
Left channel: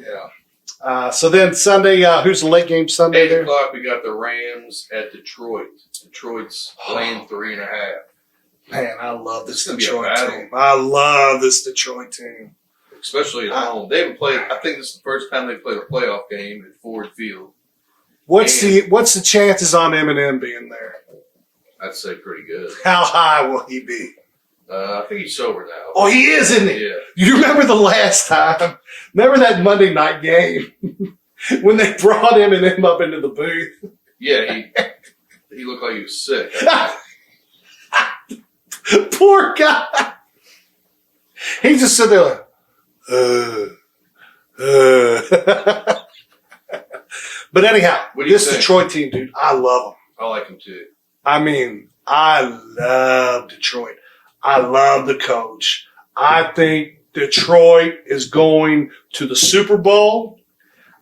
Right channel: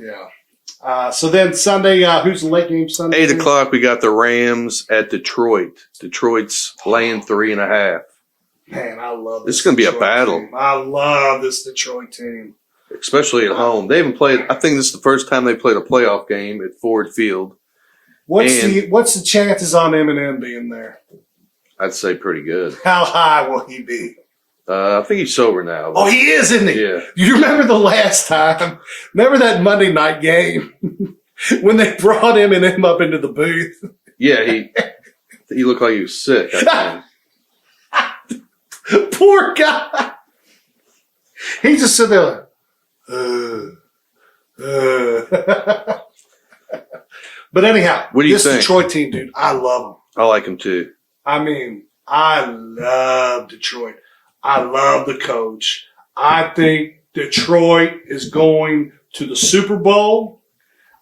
yeah. So then Sunday, who's the late game Sunday? 8 o'clock. We got the Rams at Detroit. Detroit's laying 3.5. Man, I love this. This is going to be a battle. Team. I love this Detroit team, especially at home. They haven't played. I think this is the first time they played a playoff game at Ford Field. What's the chances on Eminem being there? I'd say pretty good. How high will he be? I think he's sober now. Oh, he is, isn't he? Yeah. You remember the last time? Remember that Monday night game when they brought Eminem up into the booth? Yeah, he looked like he was sick. I think. Poor guy. He just stood there like, But anyhow, what do you this think? Detroit team, dude, I love them. I like him too. I mean, I love Detroit. I love the coach. I think Detroit is going to the Super Bowl.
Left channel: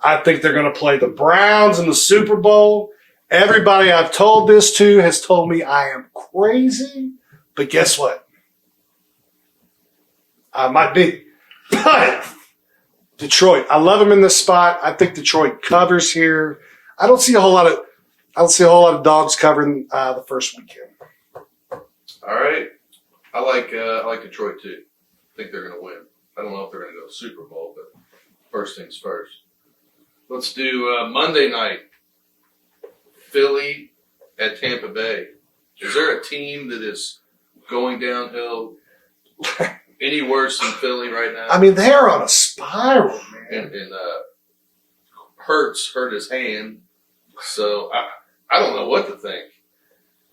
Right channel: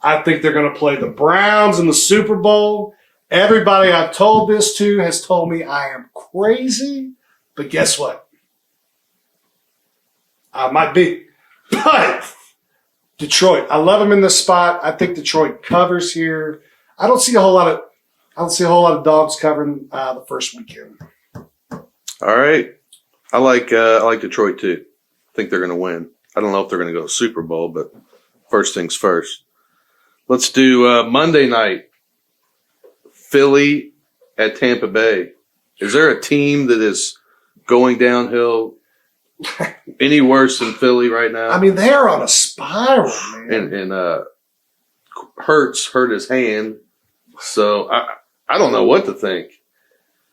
I think they're going to play the Browns in the Super Bowl. Everybody I've told this to has told me I am crazy. But guess what? I might be. But Detroit, I love them in this spot. I think Detroit covers here. I don't see a whole lot of dogs covering the first weekend. All right, I like Detroit too. I think they're going to win. I don't know if they're going to go to Super Bowl, but first things first. Let's do Monday night. Philly at Tampa Bay. Is there a team that is going downhill any worse than Philly right now? I mean, they're on a spiral, man. And Hurts hurt his hand, so I don't know what to think.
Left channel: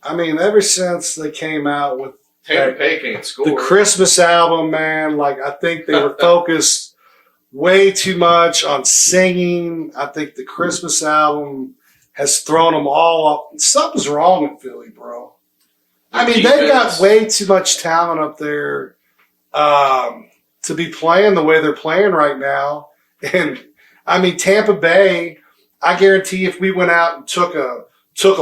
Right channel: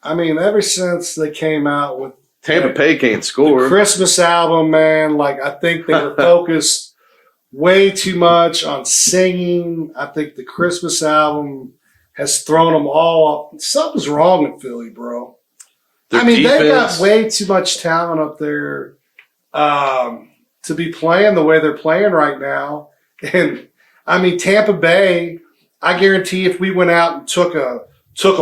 I mean, ever since they came out with Tampa Bay can't score. The Christmas album, man, like I think they were focused way too much on singing. I think the Christmas album has thrown them all up. Something's wrong with Philly, bro. Their they defense. got way too much talent up there to be playing the way they're playing right now. And I mean, Tampa Bay, I guarantee if we went out and took a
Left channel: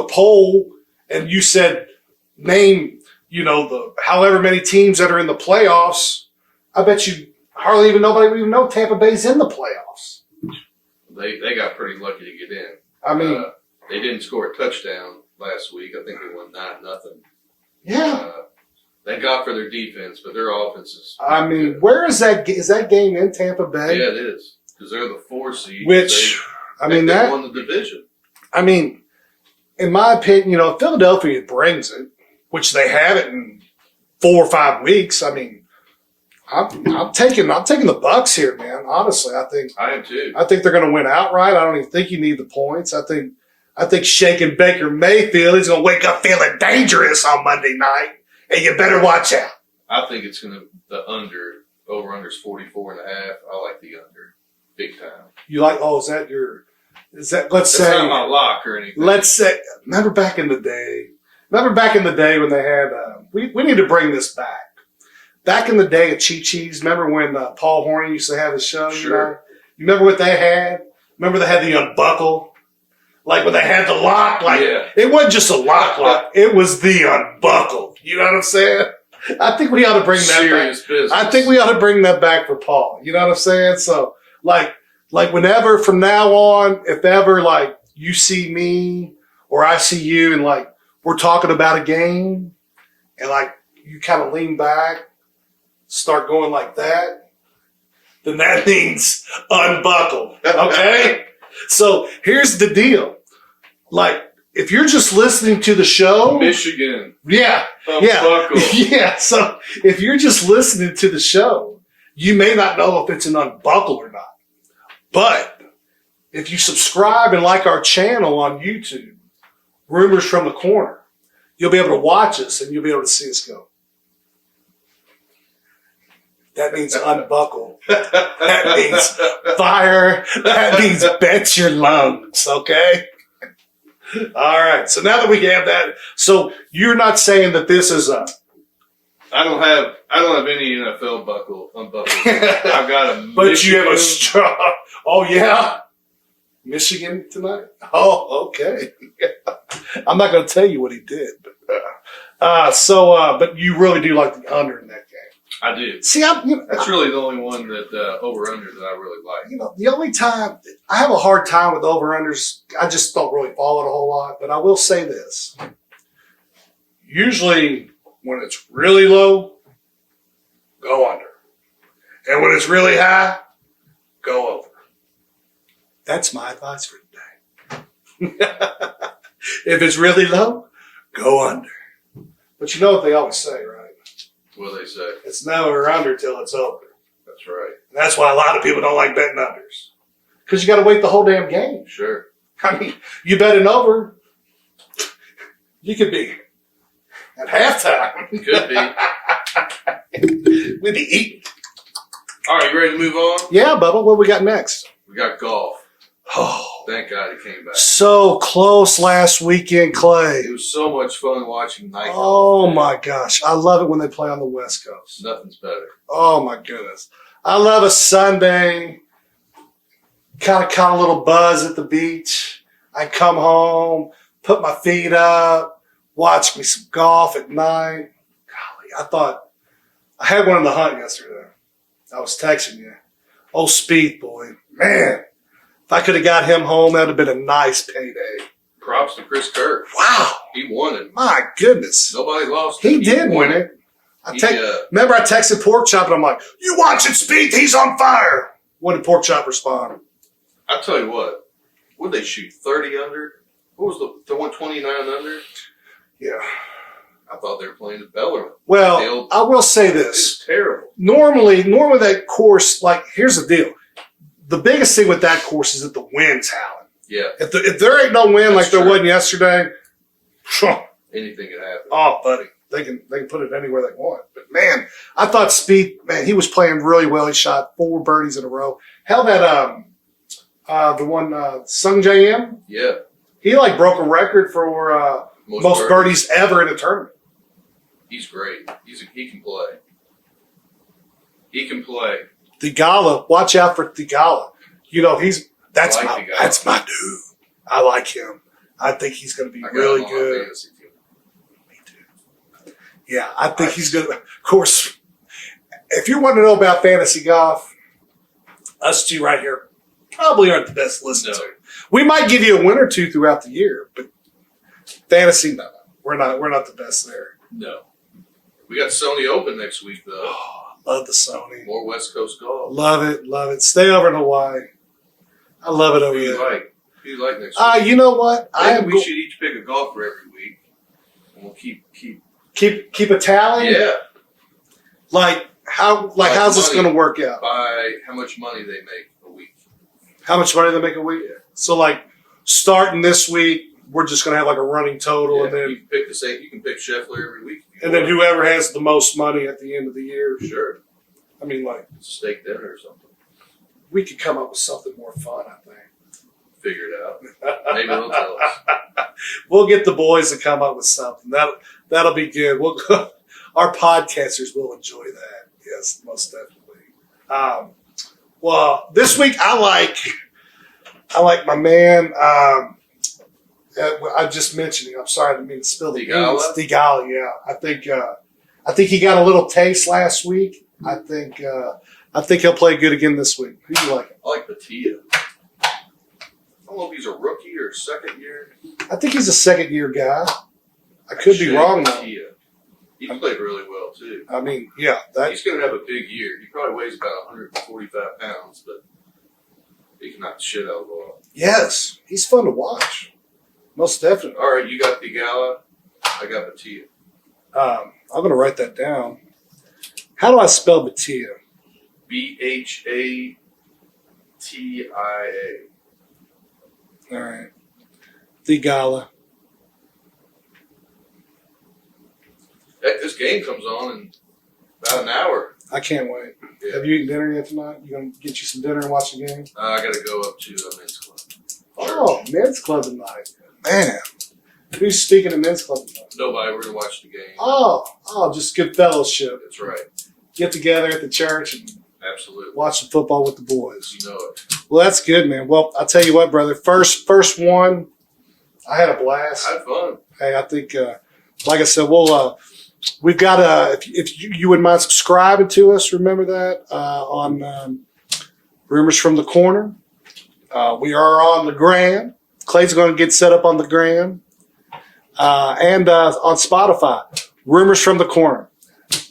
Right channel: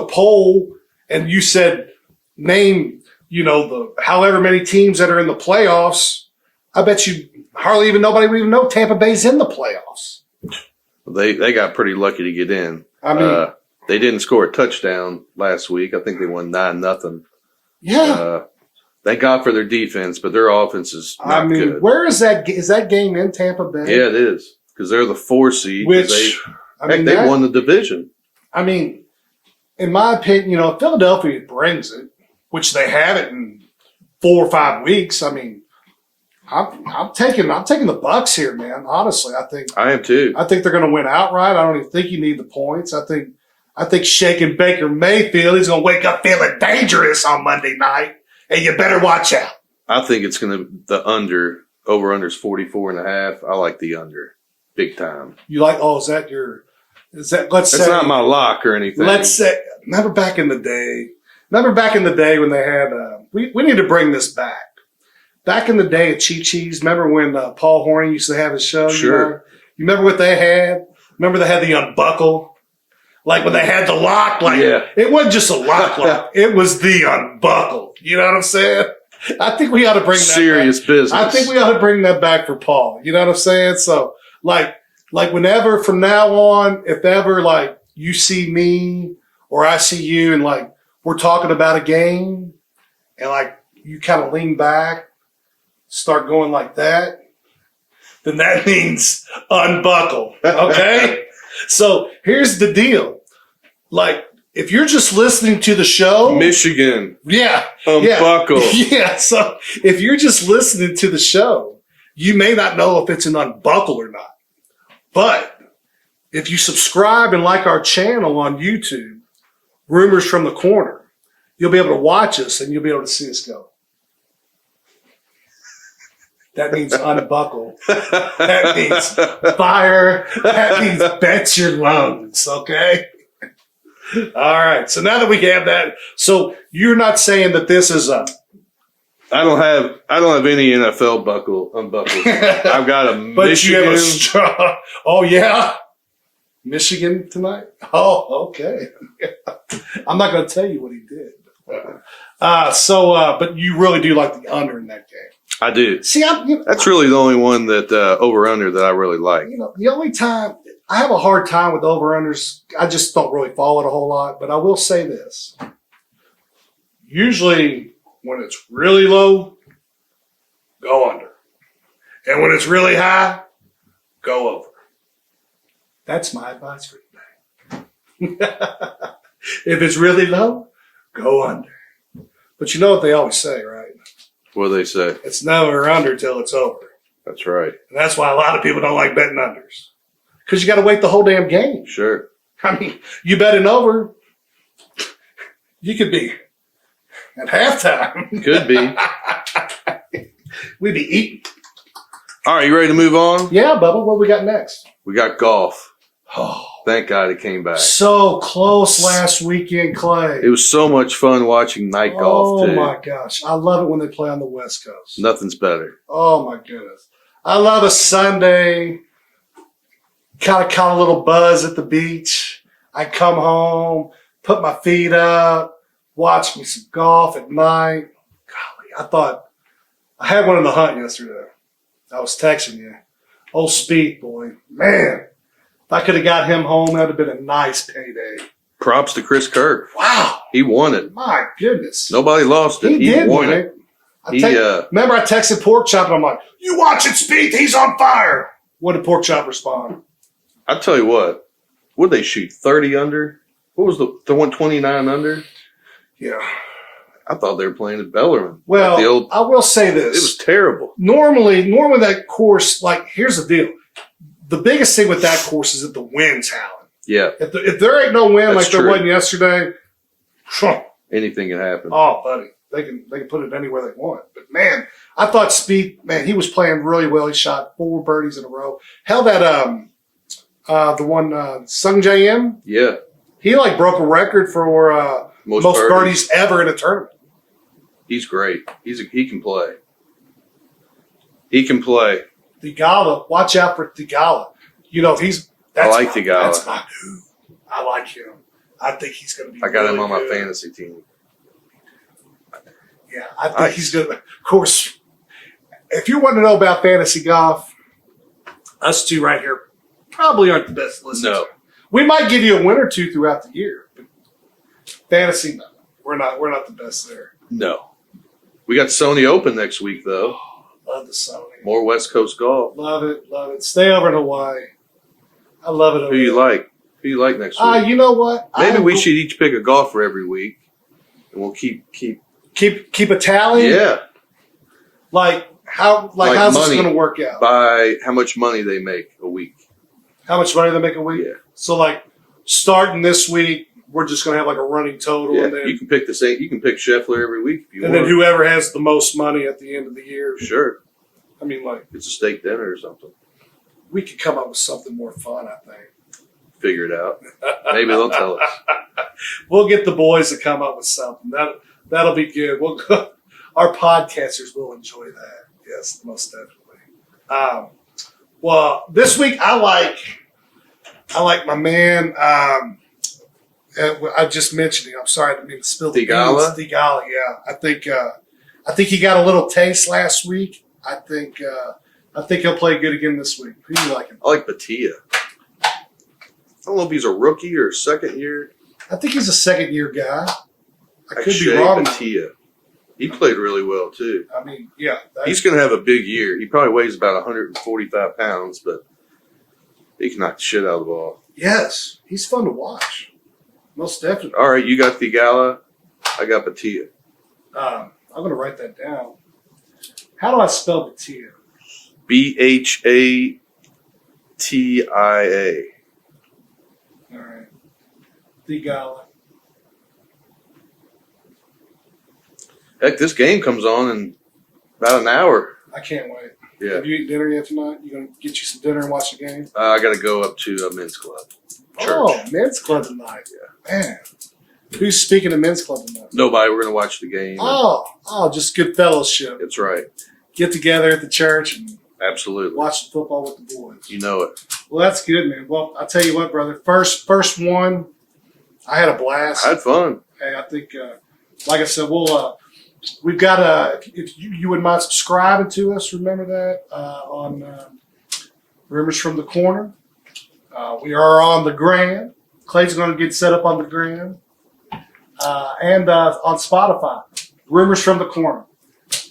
poll and you said name, the however many teams that are in the playoffs, I bet you hardly even nobody would even know Tampa Bay's in the playoffs. They got pretty lucky to get in. I mean, they didn't score a touchdown last week. I think they won 9-0. Yeah. Thank God for their defense, but their offense is not good. Where is that? Is that game in Tampa Bay? Yeah, it is, because they're the 4 seed. They won the division. I mean, in my opinion, if Philadelphia brings it, which they haven't in 4 or 5 weeks, I mean, I'm taking the Bucks here, man. Honestly, I am too. I think they're going to win outright. I don't even think you need the points. I think shaking Baker Mayfield is going to wake up feeling dangerous on Monday night, and you better watch out. I think it's going to the over under is 44.5. I like the under big time. You like? Oh, is that let's It's say not my lock or anything. let's say remember back in the day when they had we need to bring this back. Back in the day of Chi Chi's, remember when Paul Horning used to have his show? Sure. You remember what they had? Remember they had the unbuckle? Like when they had the lock? Like It wasn't just a lock. It was the unbuckle. You know what I'm saying? I think we ought to bring that serious back. business. I think we ought to bring that back for Paul. You know what I'm saying? So like whenever from now on, if ever like you see me or I see you and like we're talking about a game and like you kind of lean back, start going like that, then that means unbuckle. Okay? So here's the deal. Like, if you're just listening to the show. Michigan. Yeah. Unbuckle. Yeah. So if you're just listening to the show, you may not know if it's an unbuckle or not. But if you subscribe and like our channel on YouTube, Rumors from the Corner, you'll be able to watch us and you'll be able to see us go. That means unbuckle. That means fire. That means bet your lungs, okay? All right. So now that we have that, so you're not saying that this is a I don't have any NFL unbuckle. I've got a but Michigan. you have a strong. Oh yeah, Michigan tonight. Oh, okay. I'm not going to tell you what he did, but you really do like the under in that game. I do. See, That's really the only one that over under that I really like. You know, the only time I have a hard time with over unders, I just don't really follow it a whole lot. But I will say this: usually, when it's really low, go under, and when it's really high, go over. That's my advice for today. If it's really low, go under. But you know what they always say, right? What do they say? It's never under till it's over. That's right. And that's why a lot of people don't like betting unders. Because you got to wait the whole damn game. Sure. I mean, you bet an over, you could be at halftime. Could be. We'd be eating. All right, you ready to move on? Yeah, Bubba, what we got next? We got golf. Oh, Thank God it came back. so close last weekend, Clay. It was so much fun watching night golf. Oh, too. my gosh. I love it when they play on the West Coast. Nothing's better. Oh, my goodness. I love a Sunday, kind of caught a little buzz at the beach. I come home, put my feet up, watch me some golf at night. Golly, I had one in the hunt yesterday. I was texting you. Oh, Speed boy. Man, if I could have got him home, that would have been a nice payday. Props to Chris Kirk. Wow. He won it. My goodness. Nobody lost it. He did won win it. it. Remember I texted Pork Chop and I'm like, you watching Speed? He's on fire. What did Pork Chop respond? I'll tell you what. Would they shoot 30 under? What was the one 29 under? Yeah. I thought they were playing at Bellarmine. Well, I will say this. It was terrible. Normally that course, like, here's the deal. The biggest thing with that course is that the wind's howling. Yeah. If there ain't no wind That's like there true. wasn't yesterday, Anything can happen. oh, buddy, they can put it anywhere they want. But man, I thought Speed, man, he was playing really well. He shot 4 birdies in a row. Hell, that the one Sung J M, Yeah. he like broke a record for most birdies ever in a tournament. He's great. He can play. He can play. Thigala, watch out for Thigala. You know, Thigala. That's my dude. I like him. I think he's going to be. I got really him on good. my fantasy team. Me too. Yeah, I think he's going to. Of course, if you want to know about fantasy golf, us two right here probably aren't the best listeners. No. We might give you a win or two throughout the year, but fantasy, no, we're not the best there. No. We got Sony Open next week, though. Oh, love the Sony. More West Coast golf. Love it. Stay over in Hawaii. I love it over Who there. you like? Who you like next week? You know what? Maybe we should each pick a golfer every week, and we'll keep keep a tally. Yeah. Like how's Like this money. going to work out? By how much money they make a week. How much money they make a week? Yeah. So like starting this week, we're just going to have like a running total, Yeah. and then You can pick the same. You can pick Scheffler every week if you and want. then whoever has the most money at the end of the year. Sure. I mean, like It's a steak dinner or something. we could come up with something more fun. I think. Figure it out. Maybe they'll tell us. We'll get the boys to come up with something. That'll be good. Our podcasters will enjoy that. Yes, most definitely. Well, this week I like my man. I just mentioned him. I'm sorry, I didn't mean to spill the Theegala? beans. Theegala, yeah. I think he got a little taste last week. I think he'll play good again this week. Who do you like him? I like Batia. I don't know if he's a rookie or second year. I think he's a second year guy. I could be Akshay wrong. Though. Batia. He played really well too. I mean, yeah. He's going to have a big year. He probably weighs about 145 pounds, but he can knock the shit out of the ball. Yes, he's fun to watch. Most definitely. All right, you got Theegala. I got Batia. I'm going to write that down. How do I spell Batia? Bhatia. All right. Theegala. Heck, this game comes on in about an hour. I can't wait. Yeah. Have you eaten dinner yet tonight? You going to get you some dinner and watch the game? I got to go up to a men's club. Church. Oh, men's club tonight. Man. Who's speaking of men's club tonight? Nobody. We're going to watch the game. Oh, just good fellowship. That's right. Get together at the church and Absolutely. watch some football with the boys. You know it. Well, that's good, man. Well, I'll tell you what, brother. First one, I had a blast. I had fun. Hey, I think, like I said, we've got if you wouldn't mind subscribing to us, remember that on Rumors from the Corner. We are on the gram. Clay's going to get set up on the gram and on Spotify. Rumors from the Corner.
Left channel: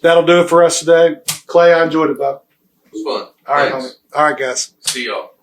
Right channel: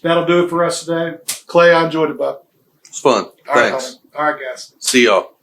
That'll do it for us today. Clay, I enjoyed it, bud. It was fun. All right, Thanks. homie. All right, guys. See y'all.